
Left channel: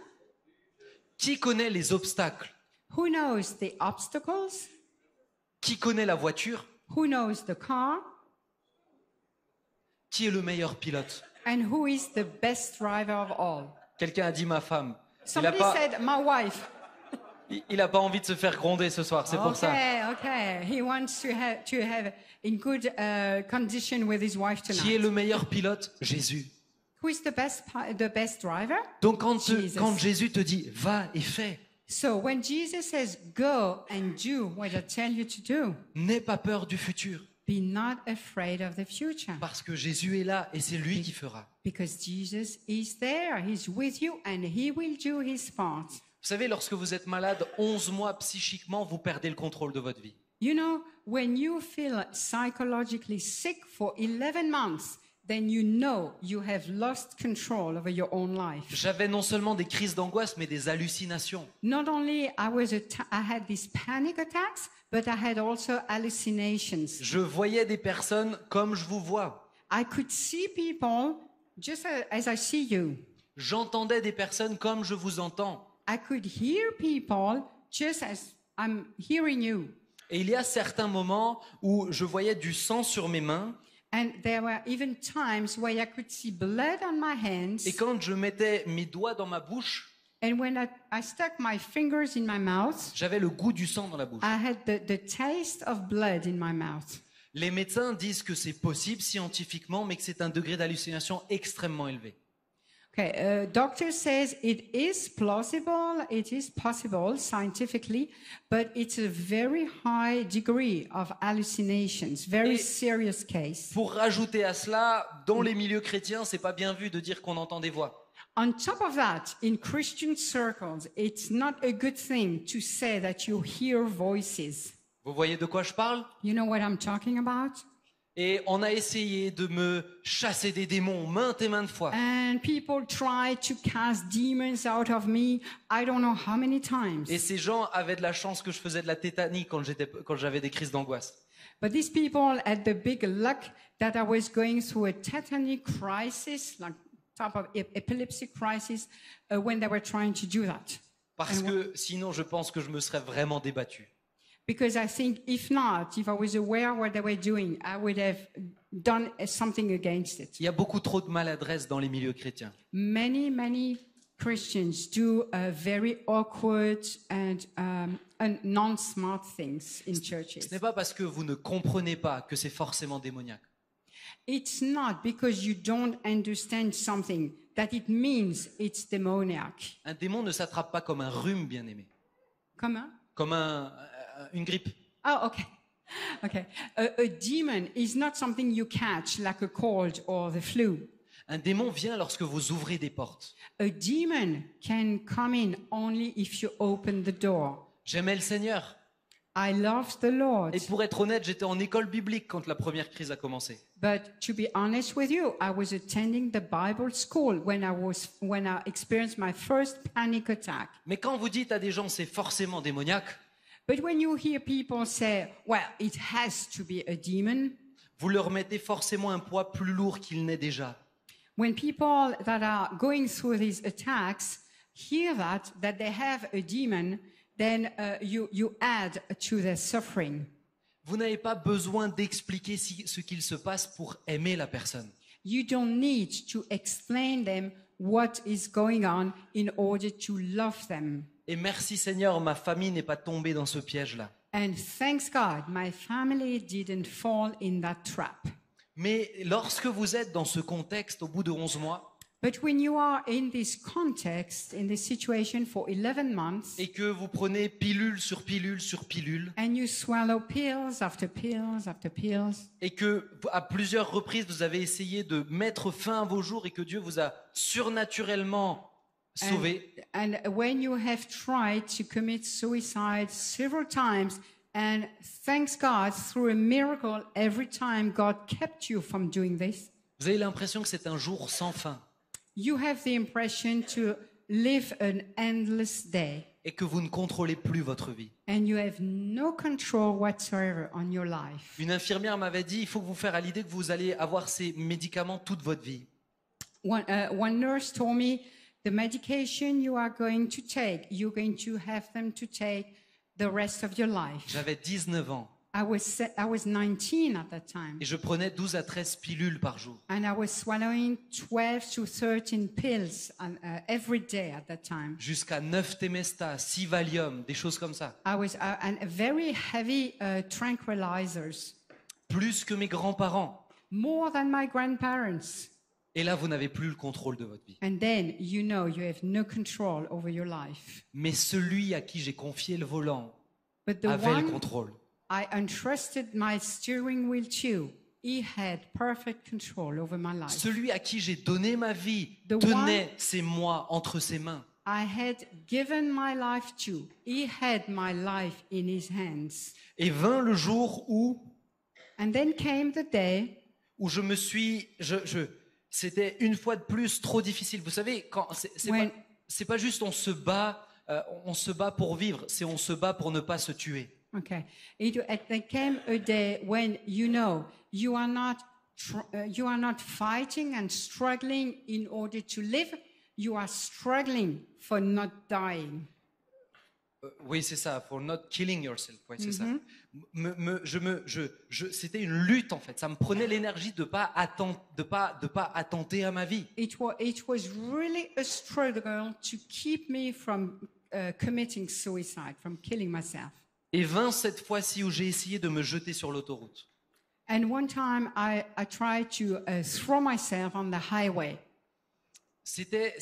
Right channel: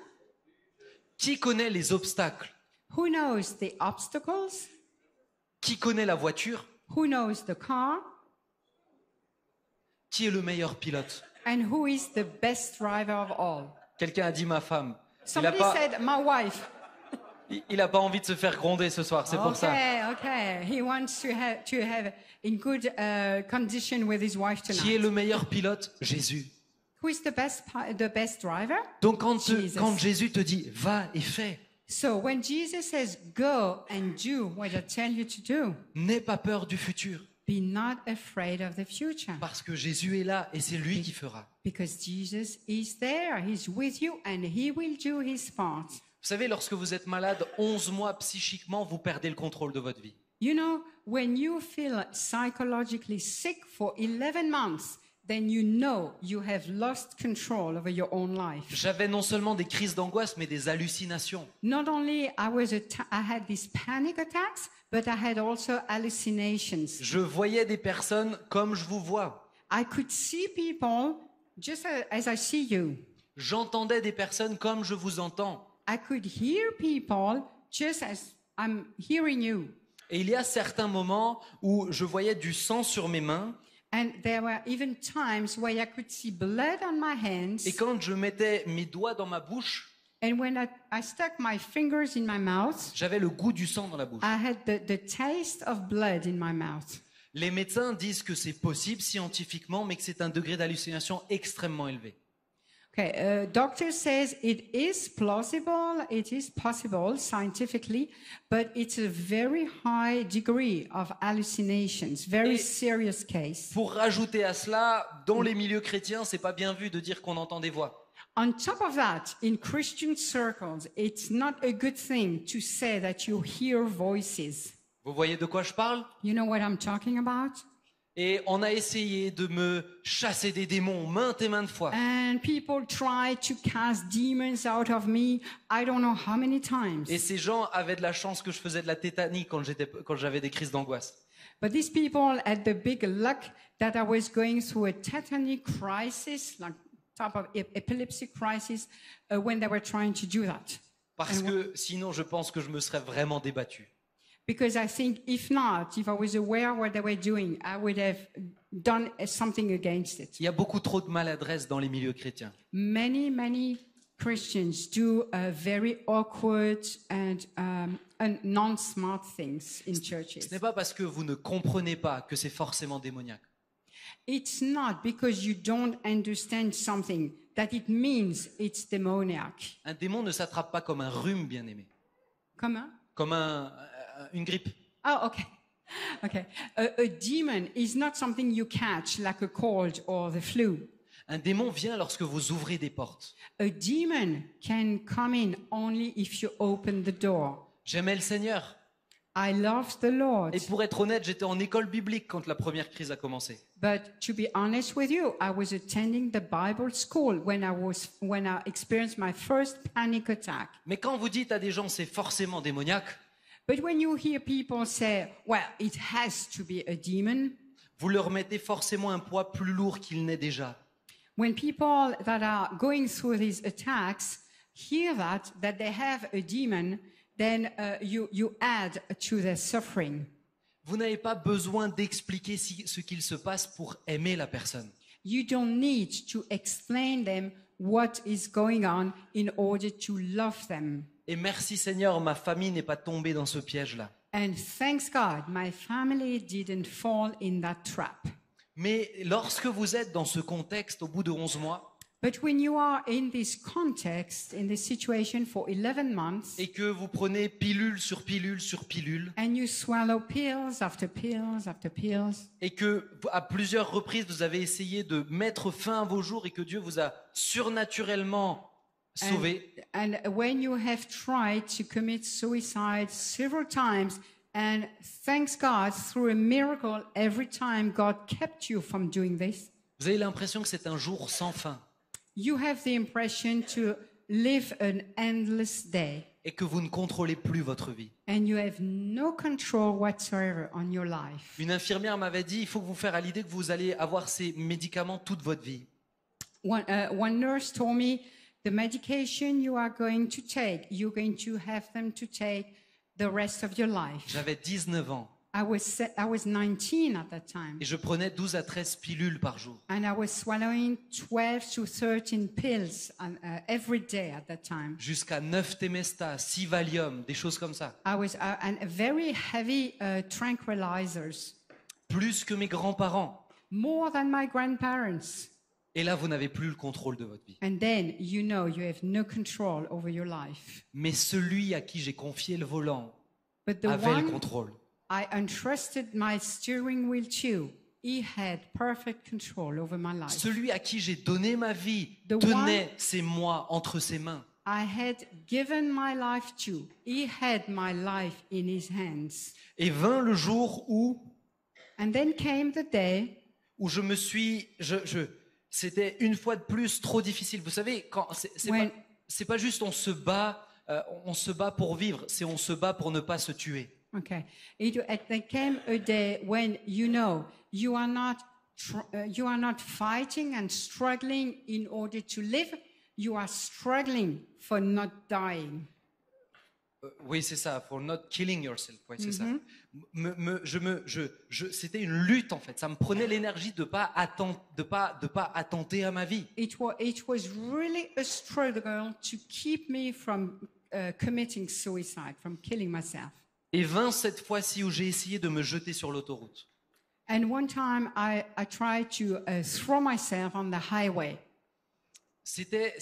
Qui connaît les obstacles? Who knows the obstacles? Qui connaît la voiture? Who knows the car? Qui est le meilleur pilote? And who is the best driver of all? Quelqu'un a dit ma femme. Somebody said, my wife. Il a pas envie de se faire gronder ce soir, c'est pour ça. Okay. He wants to have in good condition with his wife Qui est tonight. le meilleur pilote? Jésus. Who is the best driver? Donc quand Jesus. Jésus te dit va et fais, So when Jesus says, go and do what I tell you to do, n'aie pas peur du futur. Be not afraid of the future, Parce que Jésus est là et c'est lui qui fera. because Jesus is there. He's with you and he will do his part. Vous savez, lorsque vous êtes malade 11 mois psychiquement, vous perdez le contrôle de votre vie. You know, when you feel psychologically sick for 11 months, then you know you have lost control over your own life. J'avais non seulement des crises d'angoisse, mais des hallucinations. Not only I had these panic attacks, but I had also hallucinations. Je voyais des personnes comme je vous vois. I could see people just as I see you. J'entendais des personnes comme je vous entends. I could hear people just as I'm hearing you. Et il y a certains moments où je voyais du sang sur mes mains. And there were even times where I could see blood on my hands. Et quand je mettais mes doigts dans ma bouche, And when I stuck my fingers in my mouth, j'avais le goût du sang dans la bouche. I had the taste of blood in my mouth. Les médecins disent que c'est possible scientifiquement, mais que c'est un degré d'hallucination extrêmement élevé. Okay, doctor says it is plausible, it is possible scientifically, but it's a very high degree of hallucinations, very serious case. Pour rajouter à cela, dans les milieux chrétiens, c'est pas bien vu de dire qu'on entend des voix. On top of that, in Christian circles, it's not a good thing to say that you hear voices. Vous voyez de quoi je parle? You know what I'm talking about? Et on a essayé de me chasser des démons maintes et maintes fois. And people try to cast demons out of me, I don't know how many times. Et ces gens avaient de la chance que je faisais de la tétanie quand j'avais des crises d'angoisse. But these people had the big luck that I was going through a tetany crisis, like type of epilepsy crisis, when they were trying to do that. Parce que sinon, je pense que je me serais vraiment débattu. Because I think if not, if I was aware of what they were doing, I would have done something against it. Il y a beaucoup trop de maladresse dans les milieux chrétiens. Many Christians do very awkward and non-smart things in churches. Ce n'est pas parce que vous ne comprenez pas que c'est forcément démoniaque. It's not because you don't understand something that it means it's demoniac. Un démon ne s'attrape pas comme un rhume, bien-aimé. Comment? Comme une grippe. Oh, okay. Okay. A demon is not something you catch like a cold or the flu. Un démon vient lorsque vous ouvrez des portes. A demon can come in only if you open the door. J'aimais le Seigneur. I love the Lord. Et pour être honnête, j'étais en école biblique quand la première crise a commencé. But to be honest with you, I was attending the Bible school when I experienced my first panic attack. Mais quand vous dites à des gens c'est forcément démoniaque, But when you hear people say, well, it has to be a demon, vous leur mettez forcément un poids plus lourd qu'il n'est déjà. when people that are going through these attacks hear that they have a demon, then you add to their suffering. Vous n'avez pas besoin d'expliquer ce qu'il se passe pour aimer la personne. You don't need to explain them what is going on in order to love them. Et merci Seigneur, ma famille n'est pas tombée dans ce piège-là. And thanks God, my family didn't fall in that trap. Mais lorsque vous êtes dans ce contexte, au bout de 11 mois, But when you are in this context, in this situation for 11 months, et que vous prenez pilule sur pilule sur pilule, and you swallow pills after pills after pills, et que à plusieurs reprises vous avez essayé de mettre fin à vos jours et que Dieu vous a surnaturellement sauvé, and when you have tried to commit suicide several times, and thanks God, through a miracle, every time God kept you from doing this, vous avez l'impression que c'est un jour sans fin you have the impression to live an endless day, et que vous ne contrôlez plus votre vie. and you have no control whatsoever on your life. Une infirmière m'avait dit, il faut que vous faire à l'idée que vous allez avoir ces médicaments toute votre vie. One nurse told me, the medication you are going to take, you're going to have them to take the rest of your life. J'avais 19 ans I was 19 at that time, et je prenais 12 à 13 pilules par jour. and I was swallowing 12 to 13 pills every day at that time. Jusqu'à 9 Temesta, 6 Valium, des choses comme ça. I was and very heavy tranquilizers, Plus que mes grands-parents. more than my grandparents. Et là, vous n'avez plus le contrôle de votre vie. And then you know you have no control over your life. Mais celui à qui j'ai confié le volant But the avait le one contrôle. I entrusted my steering wheel to. He had perfect control over my life. Celui à qui j'ai donné ma vie The tenait ces mois entre ses mains. I had given my life to. He had my life in his hands. Et vint le jour où And then came the day je me suis... c'était une fois de plus trop difficile. Vous savez, quand when c'est pas juste on se bat pour vivre, c'est on se bat pour ne pas se tuer. Okay. There came a day when you know you are not fighting and struggling in order to live. You are struggling for not dying. Oui, c'est ça. For not killing yourself. Oui, c'est ça. C'était une lutte en fait. Ça me prenait l'énergie de pas attenter à ma vie. It was really a struggle to keep me from committing suicide, from killing myself. Et vint cette fois-ci où j'ai essayé de me jeter sur l'autoroute. And one time I tried to throw myself on the highway. C'était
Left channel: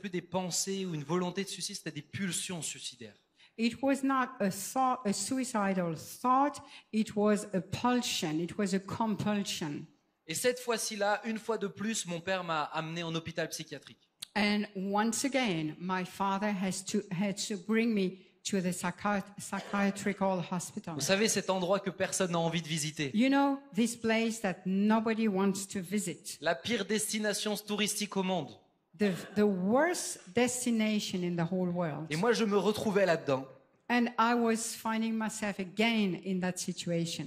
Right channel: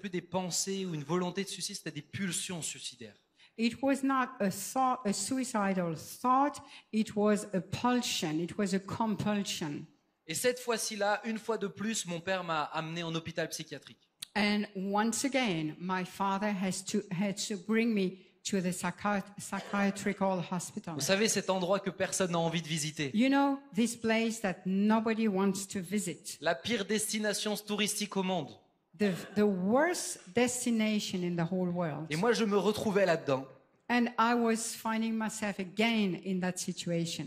plus des pensées ou une volonté de suicide, c'était des pulsions suicidaires. It was not a suicidal thought, it was a pulsion, it was a compulsion. Et cette fois-ci-là, une fois de plus, mon père m'a amené en hôpital psychiatrique. And once again, my father had to bring me to the psychiatrical hospital. Vous savez, cet endroit que personne n'a envie de visiter. You know, this place that nobody wants to visit. La pire destination touristique au monde. The worst destination in the whole world. Et moi, je me retrouvais là-dedans. And I was finding myself again in that situation.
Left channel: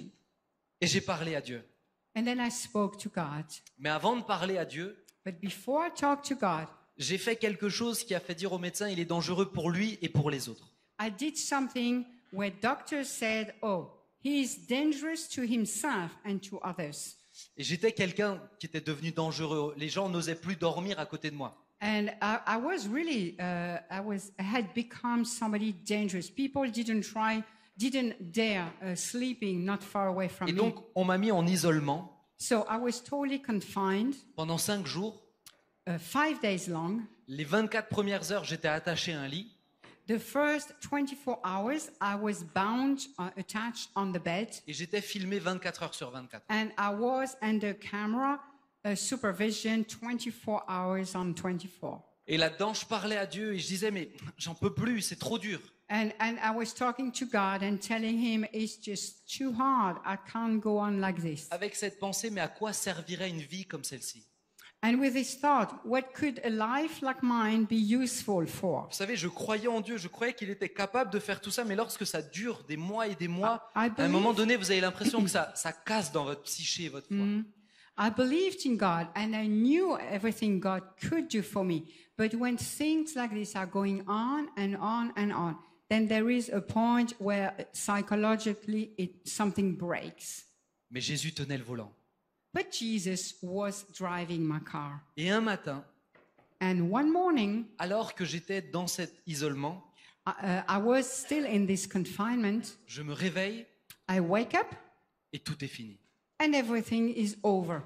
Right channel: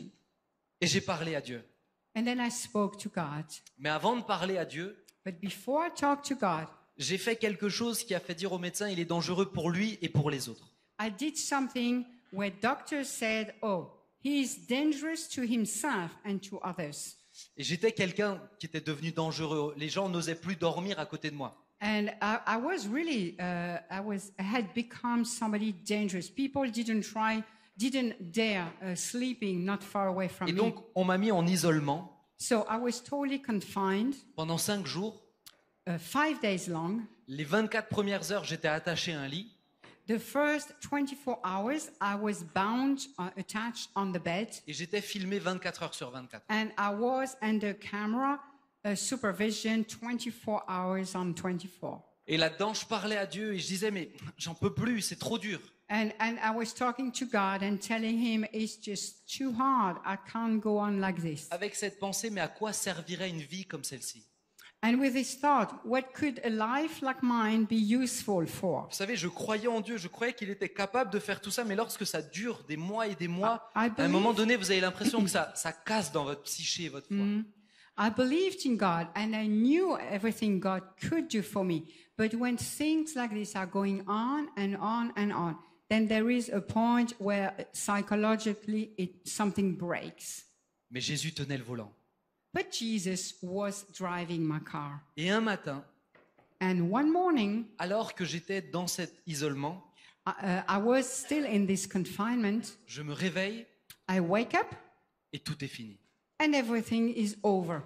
Et j'ai parlé à Dieu. And then I spoke to God. Mais avant de parler à Dieu, But before I talked to God, j'ai fait quelque chose qui a fait dire au médecin il est dangereux pour lui et pour les autres. I did something where doctors said, oh, he is dangerous to himself and to others. Et j'étais quelqu'un qui était devenu dangereux. Les gens n'osaient plus dormir à côté de moi. And I was really, I had become somebody dangerous. People didn't dare sleeping not far away from Et me. donc, on m'a mis en isolement So I was totally confined, pendant 5 jours. 5 days long. Les 24 premières heures, j'étais attaché à un lit. The first 24 hours, I was bound, attached on the bed. Et j'étais filmé 24 heures sur 24. And I was under camera supervision 24 hours on 24. Et là-dedans, je parlais à Dieu et je disais, mais j'en peux plus, c'est trop dur. And I was talking to God and telling him, it's just too hard. I can't go on like this. Avec cette pensée, mais à quoi servirait une vie comme celle-ci? And with this thought, what could a life like mine be useful for? Vous savez, je croyais en Dieu, je croyais qu'il était capable de faire tout ça, mais lorsque ça dure des mois et des mois, I à un moment donné, vous avez l'impression que ça casse dans votre psyché et votre foi. I believed in God and I knew everything God could do for me. But when things like this are going on and on and on, then there is a point where psychologically something breaks. Mais Jésus tenait le volant. But Jesus was driving my car. Et un matin, And one morning, alors que j'étais dans cet isolement, I was still in this confinement. je me réveille I wake up et tout est fini. and everything is over.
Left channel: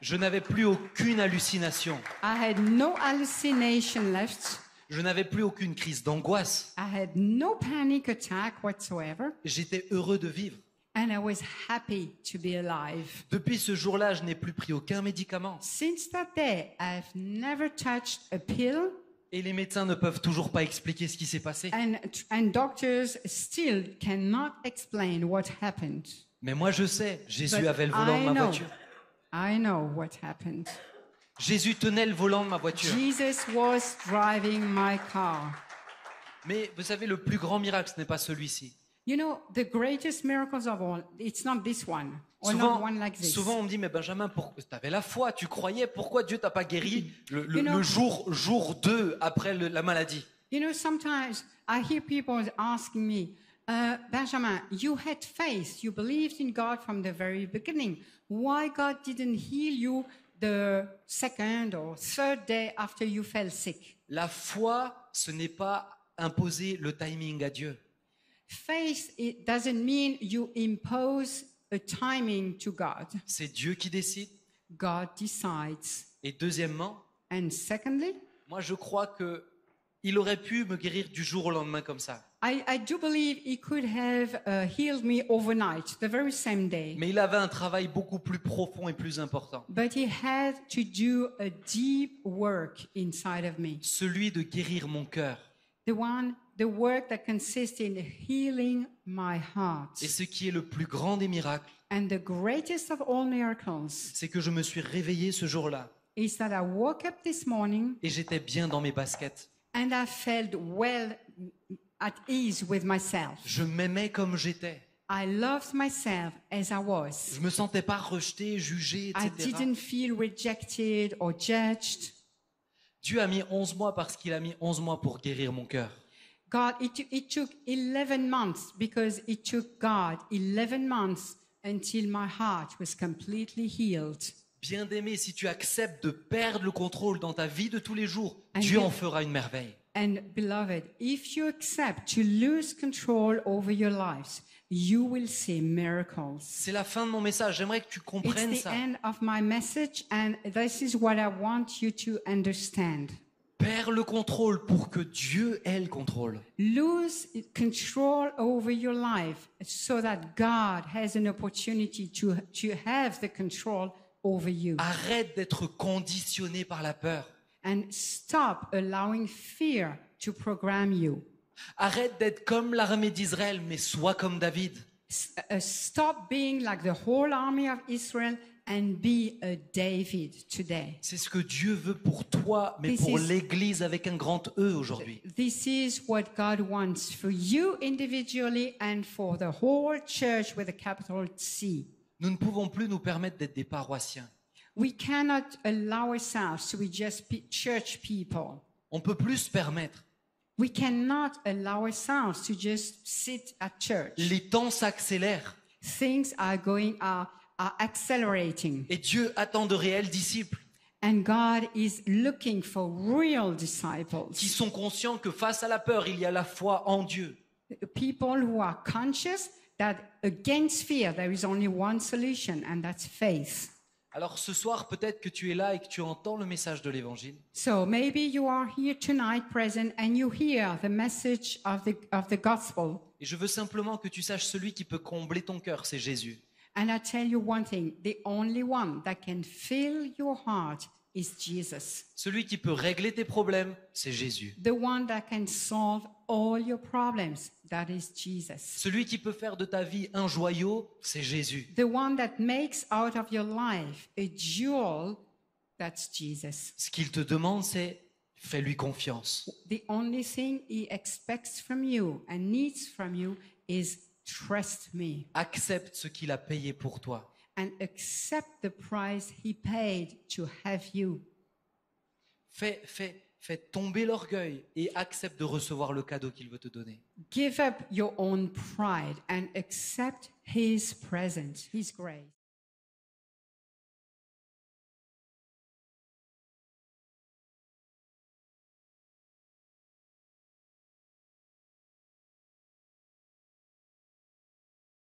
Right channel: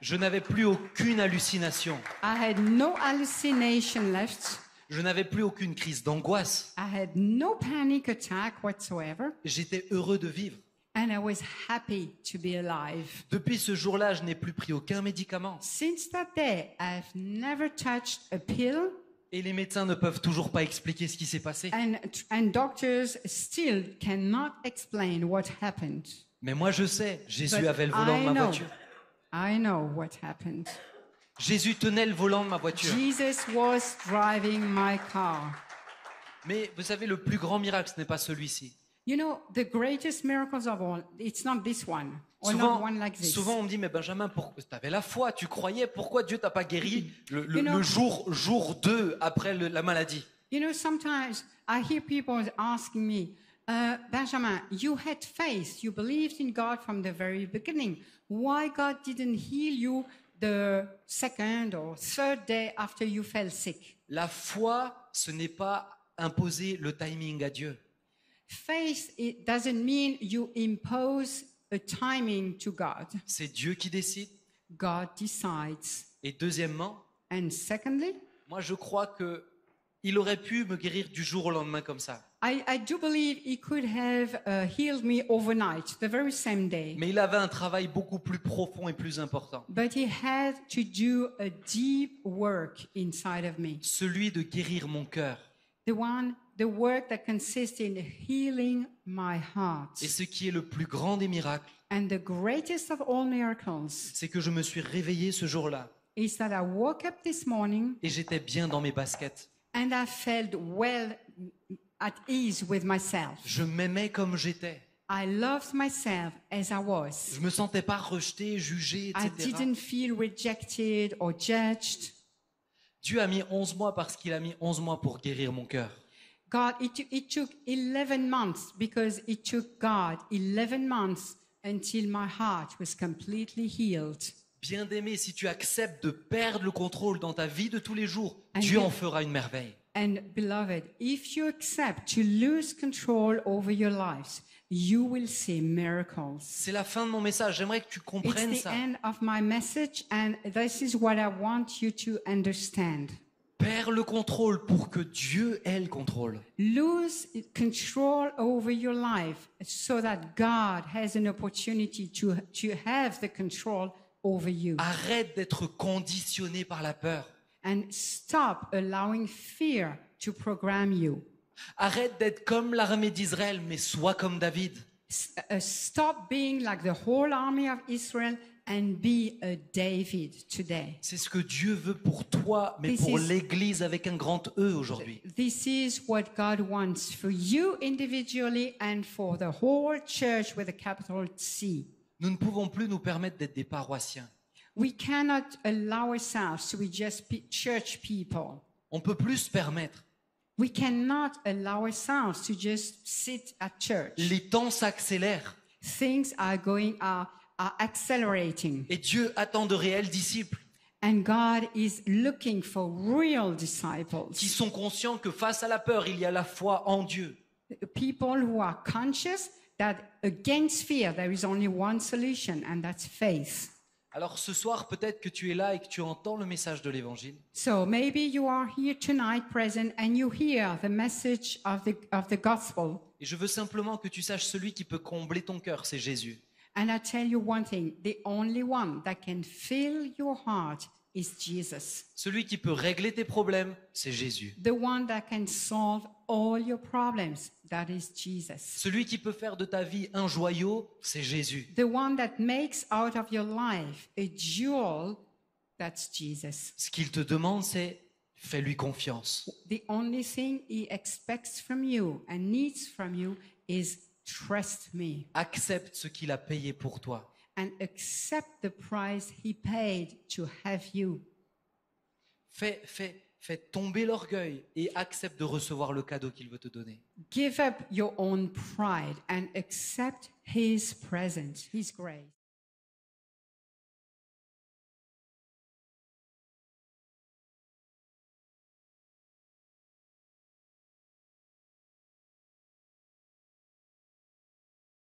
Je n'avais plus aucune hallucination. I had no hallucination left. Je n'avais plus aucune crise d'angoisse. I had no panic attack whatsoever. J'étais heureux de vivre. And I was happy to be alive. Depuis ce jour-là, je n'ai plus pris aucun médicament. Since that day, I've never touched a pill, Et les médecins ne peuvent toujours pas expliquer ce qui s'est passé. and doctors still cannot explain what happened. Mais moi, je sais, Jésus But avait le volant de ma voiture. I know what happened. Jésus tenait le volant de ma voiture. Jesus was driving my car. Mais vous savez, le plus grand miracle, ce n'est pas celui-ci. You know, the greatest miracles of all, it's not this one, or not one like this. Souvent, on me dit, mais Benjamin, tu avais la foi, tu croyais, pourquoi Dieu t'a pas guéri You know- le jour 2 après la maladie? You know, sometimes I hear people asking me, Benjamin, you had faith, you believed in God from the very beginning. Why God didn't heal you the second or third day after you fell sick? La foi, ce n'est pas imposer le timing à Dieu. Faith, it doesn't mean you impose a timing to God. C'est Dieu qui décide. God decides. Et deuxièmement, And secondly, moi je crois que Il aurait pu me guérir du jour au lendemain comme ça. I do believe he could have healed me overnight, the very same day. Mais il avait un travail beaucoup plus profond et plus important. But he had to do a deep work inside of me. Celui de guérir mon cœur. The work that consists in healing my heart. Et ce qui est le plus grand des miracles, And the greatest of all miracles c'est que je me suis réveillé ce jour-là is that I woke up this morning et j'étais bien dans mes baskets. and I felt well at ease with myself. Je m'aimais comme j'étais. I loved myself as I was. Je me sentais pas rejeté, jugé, I etc. didn't feel rejected or judged. Dieu a mis 11 mois parce qu'il a mis 11 mois pour guérir mon cœur. God, it took 11 months because it took God 11 months until my heart was completely healed. Bien-aimé, si tu acceptes de perdre le contrôle dans ta vie de tous les jours, Dieu en fera une merveille. And beloved, if you accept to lose control over your lives, you will see miracles. C'est la fin de mon message. J'aimerais que tu It's comprennes the ça. end of my message, and this is what I want you to understand. Perds le contrôle pour que Dieu ait le contrôle. Lose control over your life so that God has an opportunity to have the control over you. Arrête d'être conditionné par la peur. And stop allowing fear to program you. Arrête d'être comme l'armée d'Israël, mais sois comme David. Stop being like the whole army of Israel and be a David today. C'est ce que Dieu veut pour toi, mais pour l'Église avec un grand E aujourd'hui. This is what God wants for you individually and for the whole church with a capital C. Nous ne pouvons plus nous permettre d'être des paroissiens. We cannot allow ourselves to be just church people. On peut plus se permettre. We cannot allow ourselves to just sit at church. Les temps s'accélèrent. Things are accelerating. Et Dieu attend de réels disciples. And God is looking for real disciples. Qui sont conscients que face à la peur, il y a la foi en Dieu. People who are conscious that against fear there is only one solution, and that's faith. Alors ce soir, peut-être que tu es là et que tu entends le message de l'Évangile. So maybe you are here tonight present and you hear the message of the gospel. Et je veux simplement que tu saches celui qui peut combler ton cœur, c'est Jésus. And I tell you one thing, the only one that can fill your heart is Jesus. Celui qui peut régler tes problèmes, c'est Jésus. The one that can solve all your problems, that is Jesus. Celui qui peut faire de ta vie un joyau, c'est Jésus. The one that makes out of your life a jewel, that's Jesus. Ce qu'il te demande, c'est fais-lui confiance. The only thing he expects from you and needs from you is trust me. Accepte ce qu'il a payé pour toi. And accept the price he paid to have you. Fais tomber l'orgueil et accepte de recevoir le cadeau qu'il veut te donner. Give up your own pride and accept his presence, his grace.